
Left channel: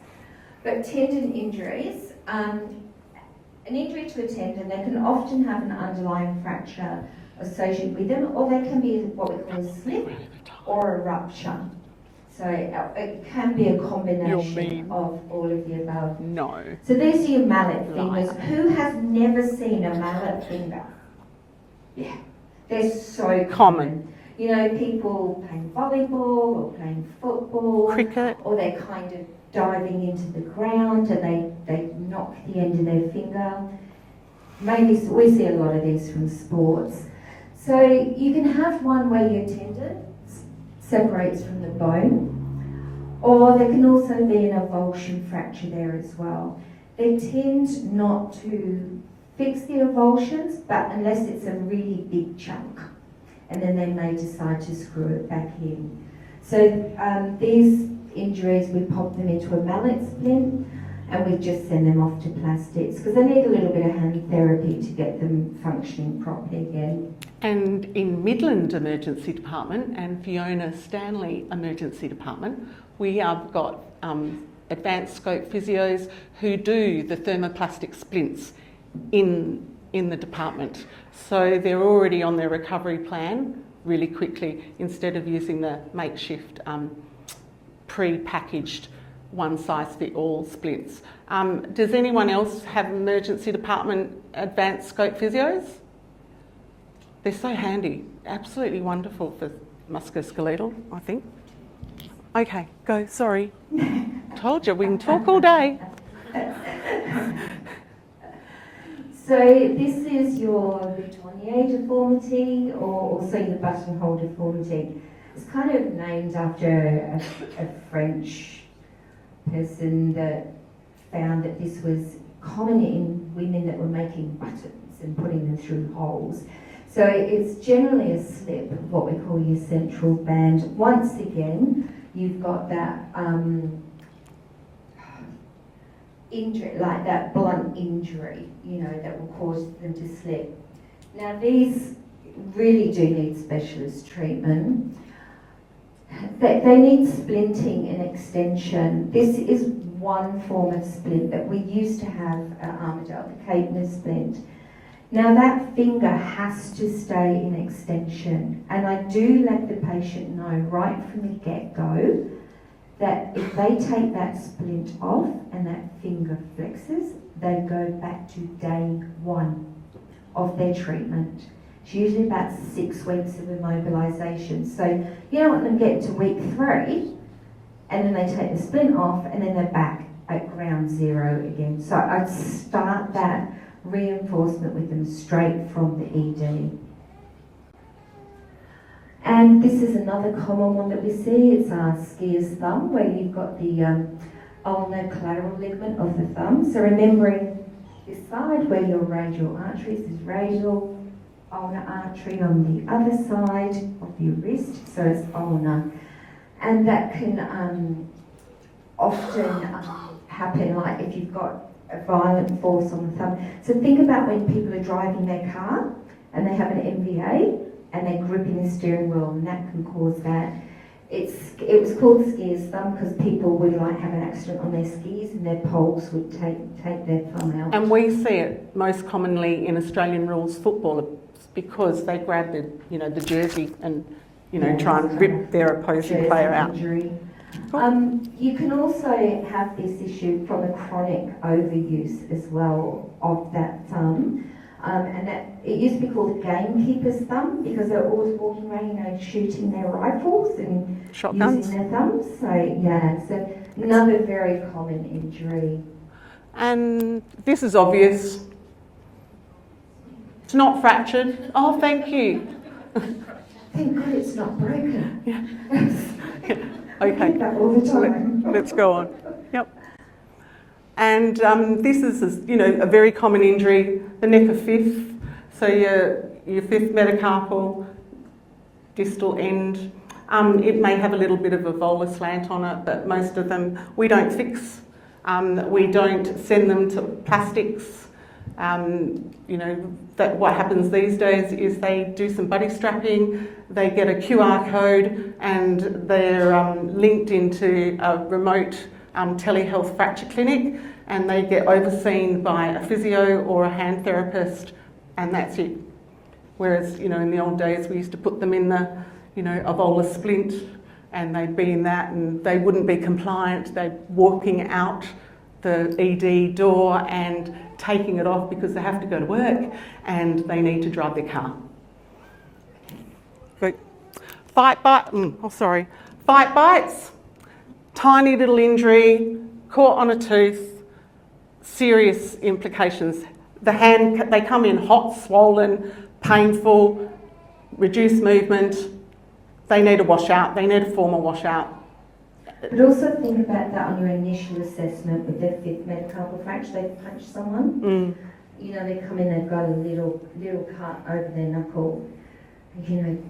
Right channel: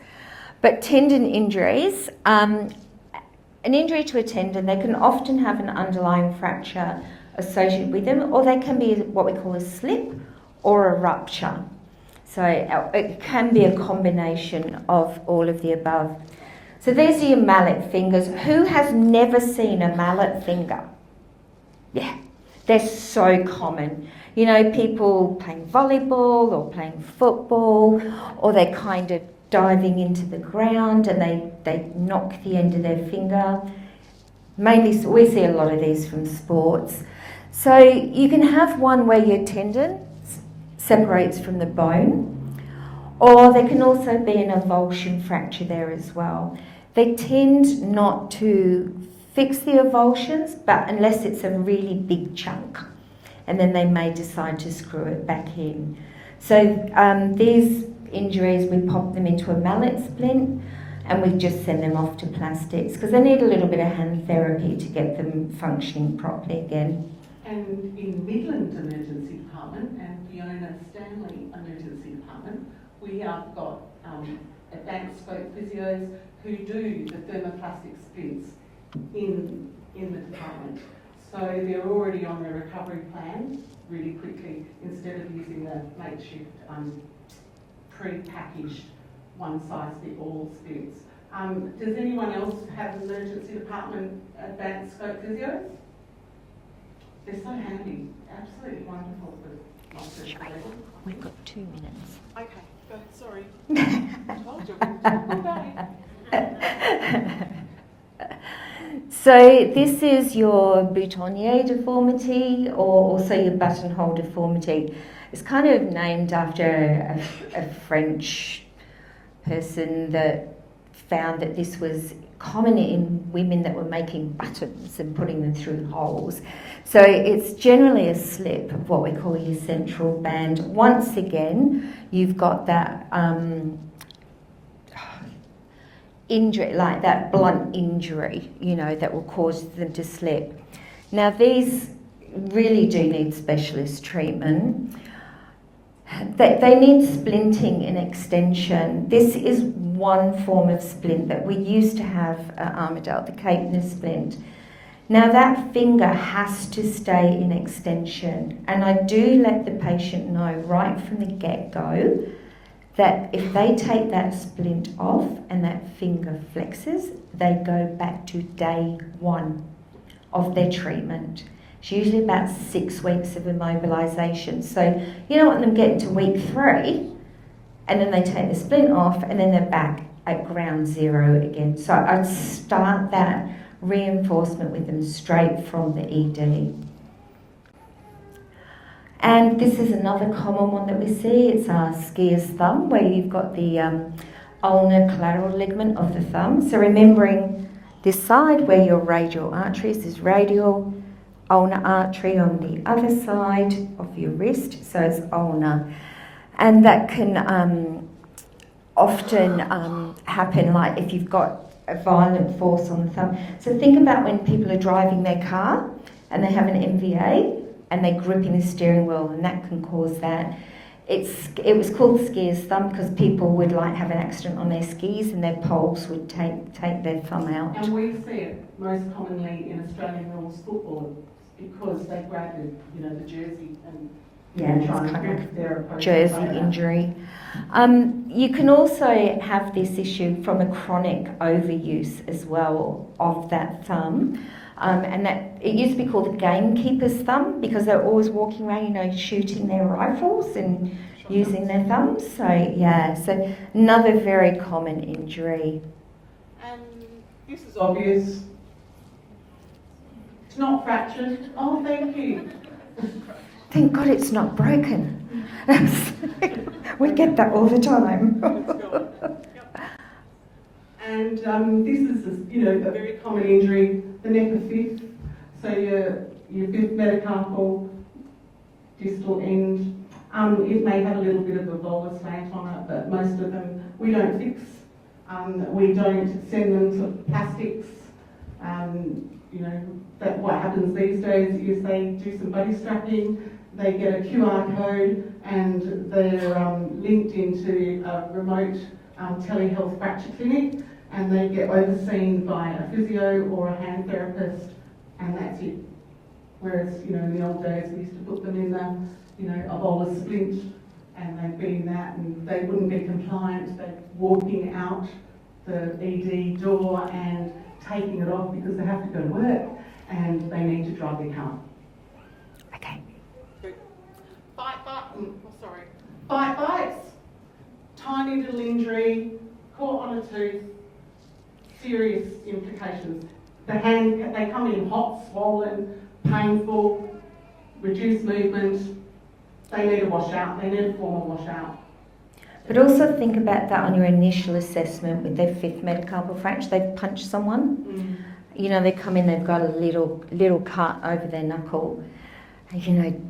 But tendon injuries, an injury to a tendon, they can often have an underlying fracture associated with them, or they can be what we call a slip or a rupture. So it can be a combination of all of the above. No. So there's your mallet fingers. Who has never seen a mallet finger? Yeah, they're so common. People playing volleyball or playing football, cricket, or they're kind of diving into the ground and they knock the end of their finger. Mainly, we see a lot of these from sports. So you can have one where your tendon separates from the bone, or there can also be an avulsion fracture there as well. They tend not to fix the avulsions, but unless it's a really big chunk, and then they may decide to screw it back in. So these injuries, we pop them into a mallet splint and we just send them off to plastics because they need a little bit of hand therapy to get them functioning properly again. And in Midland Emergency Department and Fiona Stanley Emergency Department, we have got advanced scope physios who do the thermoplastic splints in the department. So they're already on their recovery plan really quickly instead of using the makeshift pre-packaged one-size-fit-all splints. Does anyone else have emergency department advanced scope physios? They're so handy, absolutely wonderful for musculoskeletal, I think. 2 minutes. Okay, go, sorry. Told you, we can talk all day. So this is your boutonniere deformity or also your buttonhole deformity. It's kind of named after a French person that found that this was common in women that were making buttons and putting them through holes. So it's generally a slip of what we call your central band. Once again, you've got that injury, like that blunt injury, that will cause them to slip. Now these really do need specialist treatment. They need splinting and extension. This is one form of splint that we used to have at Armidale, the Caithness splint. Now that finger has to stay in extension, and I do let the patient know right from the get-go that if they take that splint off and that finger flexes, they go back to day 1 of their treatment. It's usually about 6 weeks of immobilisation. So you don't want them getting to week 3 and then they take the splint off and then they're back at ground zero again. So I'd start that reinforcement with them straight from the ED. And this is another common one that we see. It's our skier's thumb, where you've got the ulnar collateral ligament of the thumb. So remembering this side where your radial artery is radial, ulnar artery on the other side of your wrist, so it's ulnar. And that can often happen, like if you've got a violent force on the thumb. So think about when people are driving their car and they have an MVA and they're gripping the steering wheel, and that can cause that. It was called skier's thumb because people would like have an accident on their skis and their poles would take their thumb out. And we see it most commonly in Australian rules football because they grab the jersey and try and rip their opposing player out. Injury. You can also have this issue from a chronic overuse as well of that thumb. And that it used to be called the gamekeeper's thumb because they're always walking around, shooting their rifles and Shotguns. using their thumbs. So another very common injury. And this is obvious. It's not fractured. Oh, thank you. Thank God it's not broken. Yeah. We get that all the time. Let's go on. Yep. And this is a very common injury, the neck of fifth. So your fifth metacarpal distal end. It may have a little bit of a volar slant on it, but most of them we don't fix. We don't send them to plastics. That what happens these days is they do some buddy strapping, they get a QR code, and they're linked into a remote telehealth fracture clinic, and they get overseen by a physio or a hand therapist, and that's it. Whereas, in the old days we used to put them in the, a volar splint, and they'd be in that, and they wouldn't be compliant. They're walking out the ED door and taking it off because they have to go to work and they need to drive their car. Okay. Good. Fight bites, tiny little injury, caught on a tooth, serious implications. The hand, they come in hot, swollen, painful, reduced movement. They need a washout, they need a formal washout. But also think about that on your initial assessment with their fifth metacarpal fracture. They've punched someone. They come in, they've got a little cut over their knuckle.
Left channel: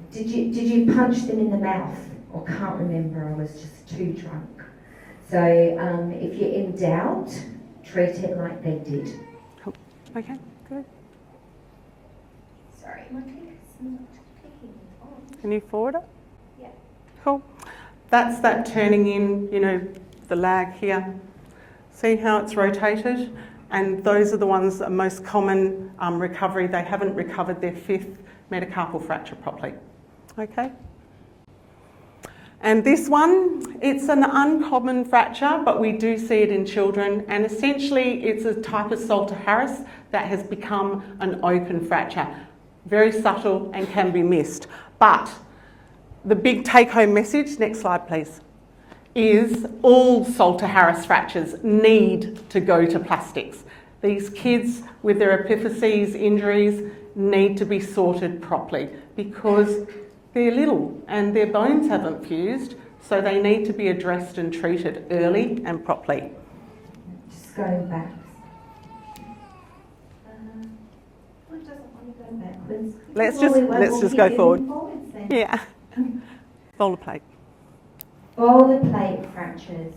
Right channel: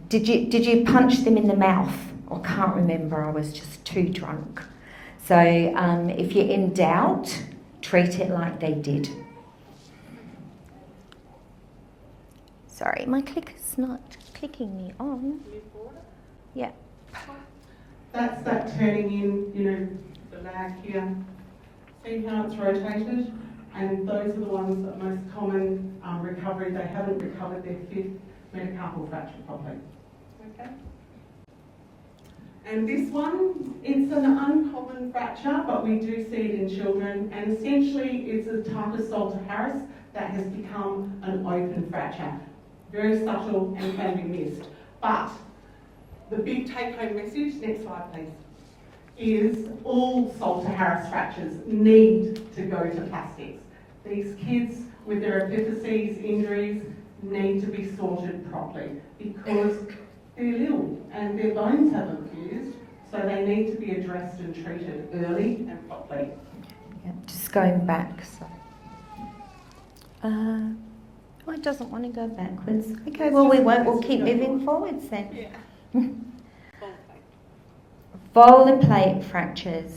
Did you punch them in the mouth? I can't remember, I was just too drunk. So if you're in doubt, treat it like they did. Okay, good. Sorry, my clicker's not clicking me on. Can you forward it? Yeah. Cool. That's that turning in, the lag here. See how it's rotated? And those are the ones that are most common recovery. They haven't recovered their fifth metacarpal fracture properly. Okay? And this one, it's an uncommon fracture, but we do see it in children. And essentially, it's a type of Salter-Harris that has become an open fracture. Very subtle and can be missed. But the big take-home message, next slide please, is all Salter-Harris fractures need to go to plastics. These kids with their epiphyses injuries need to be sorted properly because they're little and their bones haven't fused, so they need to be addressed and treated early and properly. Yeah, just going back. It doesn't want to go backwards. Okay, Let's just go forward. Forwards then. Yeah. Volar plate. Volar plate fractures.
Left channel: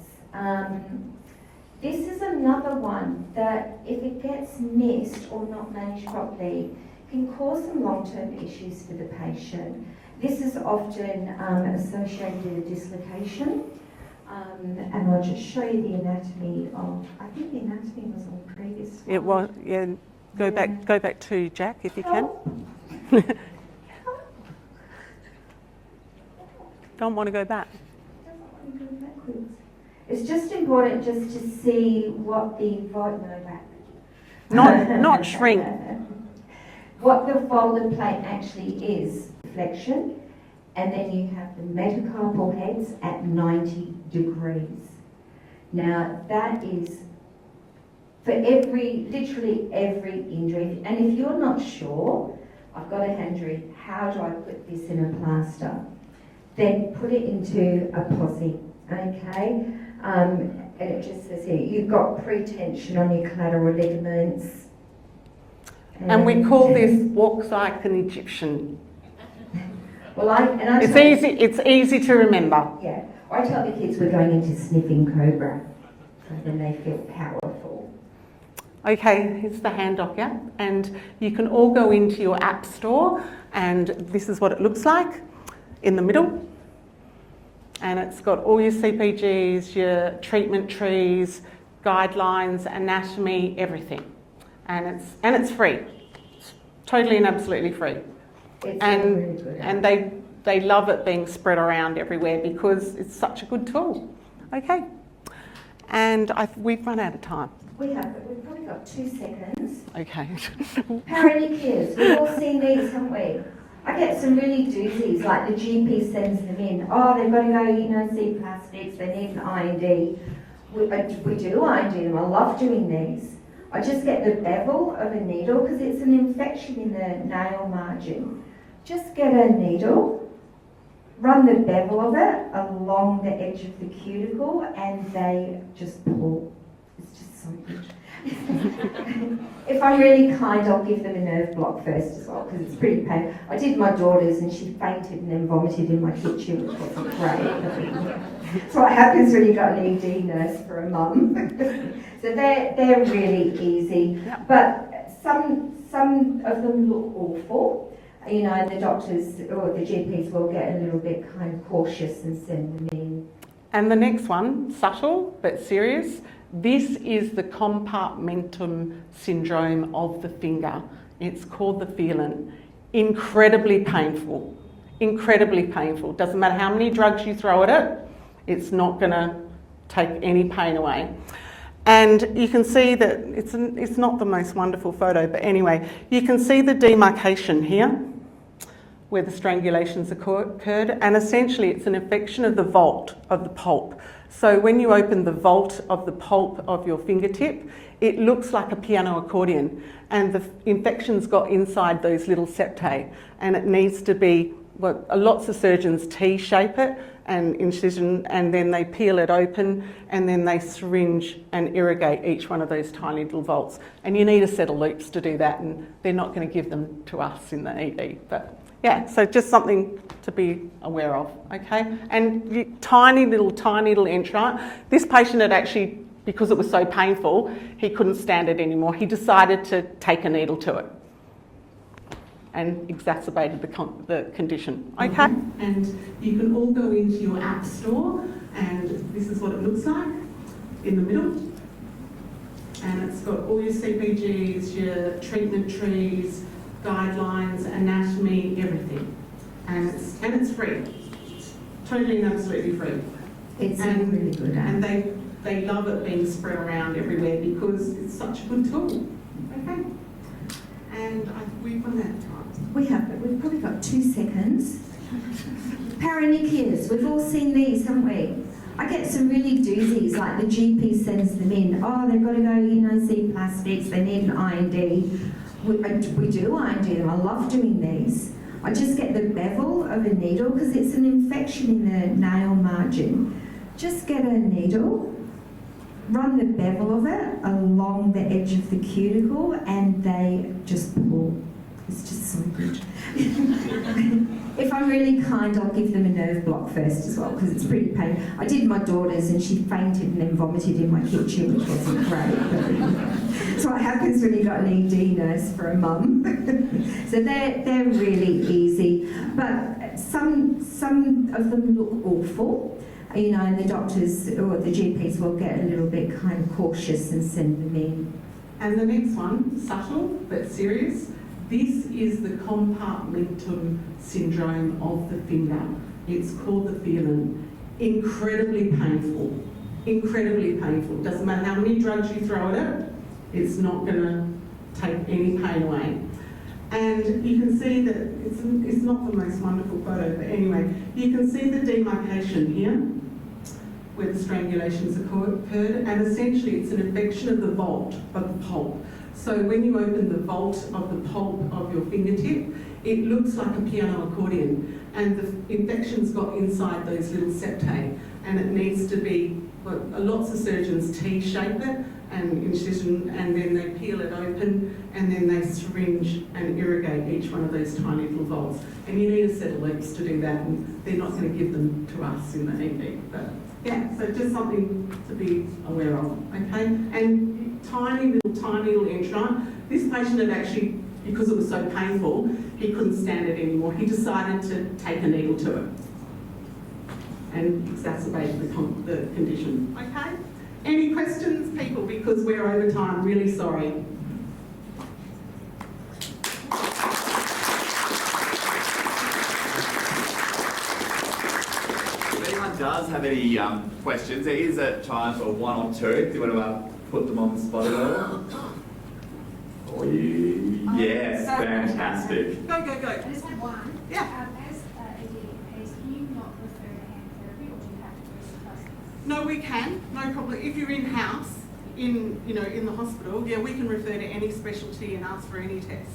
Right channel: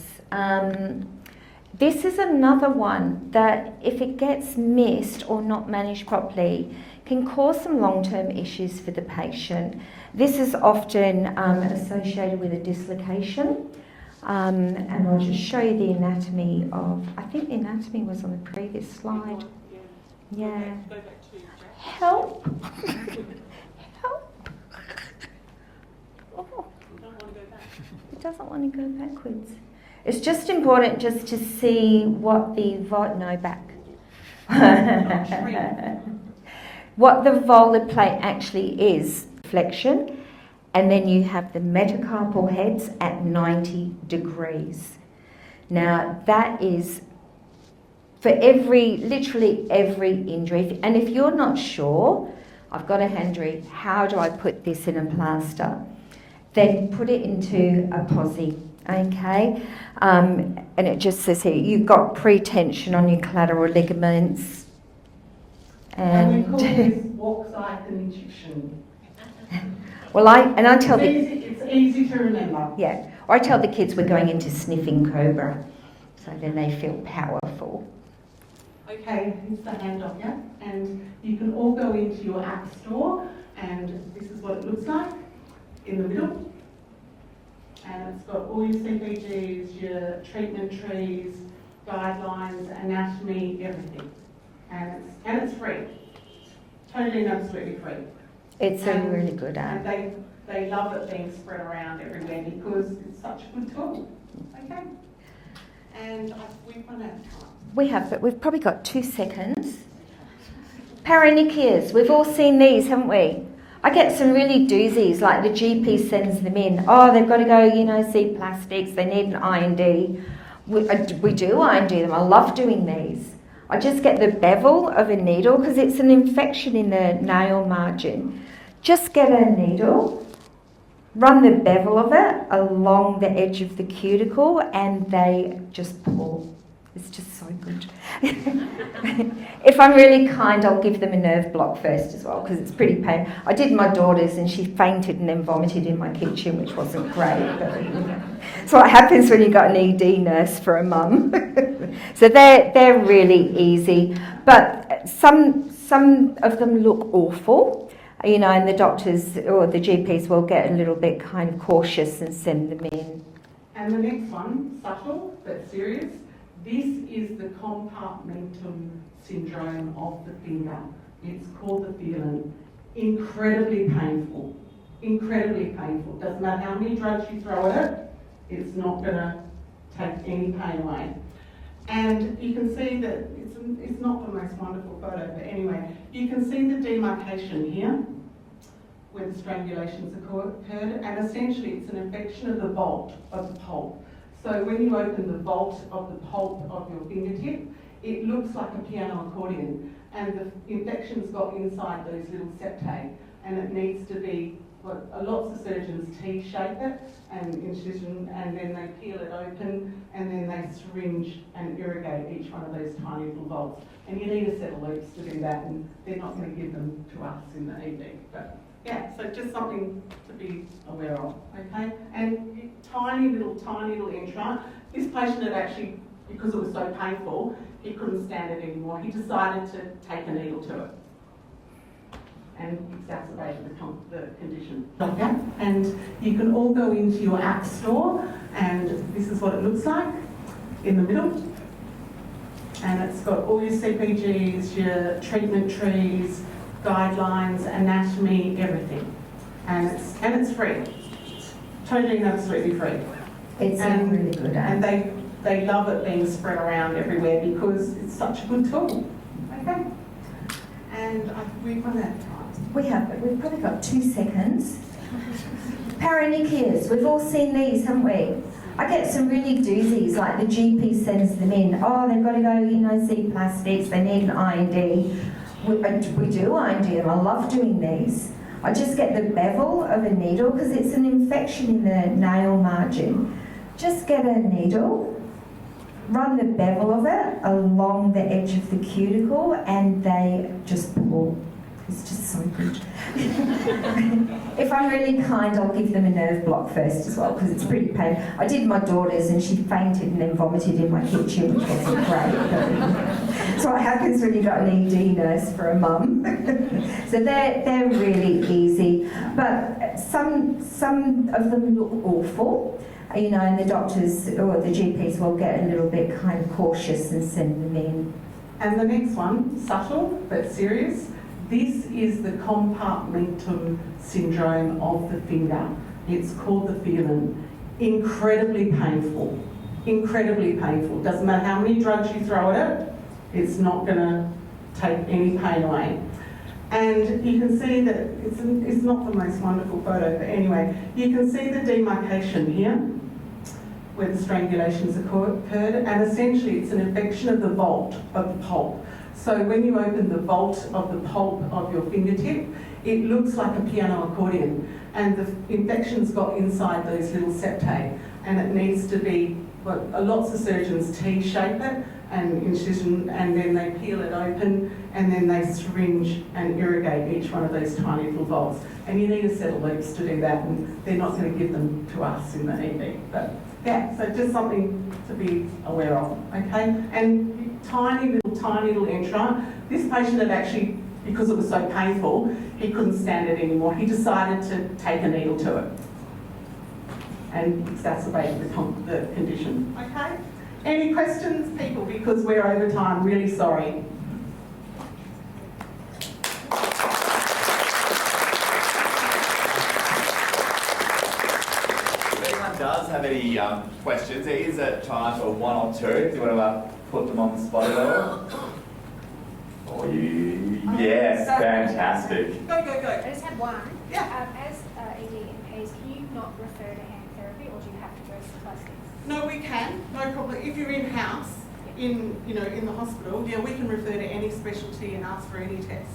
This is another one that if it gets missed or not managed properly can cause some long-term issues for the patient. This is often associated with a dislocation. And I'll just show you the anatomy of, I think the anatomy was on the previous slide. It was, yeah. Go back to Jack if Help. you can. Help. Oh, Don't want to go back. it doesn't want to go backwards. It's just important just to see what the back. Not shrink. What the volar plate actually is, flexion, and then you have the metacarpal heads at 90 degrees. Now that is for literally every injury. And if you're not sure, I've got a hand how do I put this in a plaster? Then put it into a posi. Okay, and it just says here you've got pre-tension on your collateral ligaments. And we call this walks like an Egyptian. Well, I tell It's easy to remember. Yeah, or I tell the kids we're going into sniffing cobra, so then they feel powerful. Okay, here's the hand docker, and you can all go into your app store, and this is what it looks like in the middle. And it's got all your CPGs, your treatment trees, guidelines, anatomy, everything. And it's free. It's totally and absolutely free. It's a really good app. And they love it being spread around everywhere because it's such a good tool. Okay. And we've run out of time. We have, but we've probably got 2 seconds. Okay. Paronychias, we've all seen these, haven't we? I get some really doozies, like the GP sends them in. Oh, they've got to go, see plastics, they need an IND. We do IND them, I love doing these. I just get the bevel of a needle because it's an infection in the nail margin. Just get a needle, run the bevel of it along the edge of the cuticle, and they just pull. It's just so good. If I'm really kind, I'll give them a nerve block first as well because it's pretty painful. I did my daughter's and she fainted and then vomited in my kitchen, which wasn't great. That's what happens when you've got an ED nurse for a mum. So they're really easy, but some of them look awful, and the doctors or the GPs will get a little bit kind of cautious and send them in. And the next one, subtle but serious. This is the compartmentum syndrome of the finger. It's called the feeling. Incredibly painful. Incredibly painful. Doesn't matter how many drugs you throw at it, it's not going to take any pain away. And you can see that it's not the most wonderful photo, but anyway, you can see the demarcation here where the strangulations occurred, and essentially it's an infection of the vault of the pulp. So when you open the vault of the pulp of your fingertip, it looks like a piano accordion, and the infection's got inside those little septae, and it needs to be, lots of surgeons T-shape it and incision, and then they peel it open, and then they syringe and irrigate each one of those tiny little vaults. And you need a set of loops to do that, and they're not going to give them to us in the ED. But yeah, so just something to be aware of, okay? And tiny little entrant. This patient had actually, because it was so painful, he couldn't stand it anymore. He decided to take a needle to it and exacerbated the condition, okay? And you can all go into your app store, and this is what it looks like in the middle. And it's got all your CPGs, your treatment trees, guidelines, anatomy, everything. And it's free. It's totally and absolutely free. It's a really good app. And they love it being spread around everywhere because it's such a good tool. Okay? And we've run out of time. We have, but we've probably got 2 seconds. Paronychias, we've all seen these, haven't we? I get some really doozies, like the GP sends them in. Oh, they've got to go, see plastics, they need an IND. We do IND them, I love doing these. I just get the bevel of a needle because it's an infection in the nail margin. Just get a needle, run the bevel of it along the edge of the cuticle, and they just pull. It's just so good. If I'm really kind, I'll give them a nerve block first as well because it's pretty painful. I did my daughter's and she fainted and then vomited in my kitchen, which wasn't great. That's what happens when you've got an ED nurse for a mum. So they're really easy, but some of them look awful. And the doctors or the GPs will get a little bit kind of cautious and send them in. And the next one, subtle but serious. This is the compartmentum syndrome of the finger. It's called the feeling. Incredibly painful. Incredibly painful. Doesn't matter how many drugs you throw at it, it's not going to take any pain away. And you can see that it's not the most wonderful photo, but anyway, you can see the demarcation here where the strangulations occurred, and essentially it's an infection of the vault of the pulp. So when you open the vault of the pulp of your fingertip, it looks like a piano accordion, and the infection's got inside those little septae, and it needs to be, well, lots of surgeons T-shape it and incision, and then they peel it open, and then they syringe and irrigate each one of these tiny little valves. And you need a set of loops to do that, and they're not going to give them to us in the ED. But yeah, so just something to be aware of, okay? And tiny little entra. This patient had actually, because it was so painful, he couldn't stand it anymore. He decided to take a needle to it and exacerbated the condition, okay? Any questions, people? Because we're over time, really sorry. If anyone does have any questions, there is a time for one or two. If you want to put them on the spot at all. For you. Yes, fantastic. Go. I just had one. Yeah. As ED MPs, can you not refer to hand therapy, or do you have to go to plastics? No, we can, no problem. If you're in-house, in the hospital, yeah, we can refer to any specialty and ask for any test.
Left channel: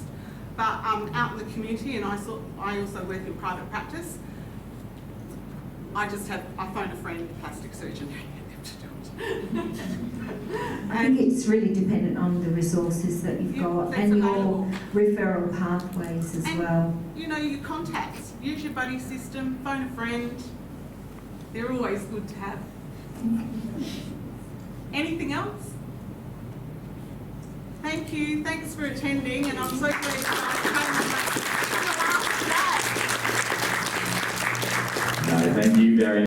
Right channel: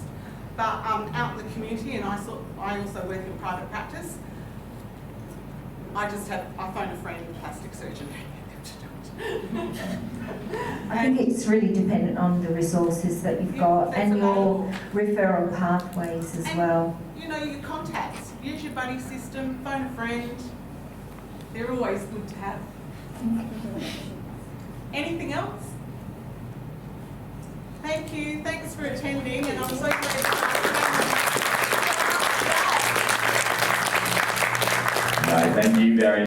But out in the community, and I also work in private practice, I phone a friend, plastic surgeon, and get them to do it. I think it's really dependent on the resources that you've got and your referral pathways as well. You know, your contacts, use your buddy system, phone a friend. They're always good to have. Anything else? Thank you. Thanks for attending, and I'm so grateful. No, thank you very much.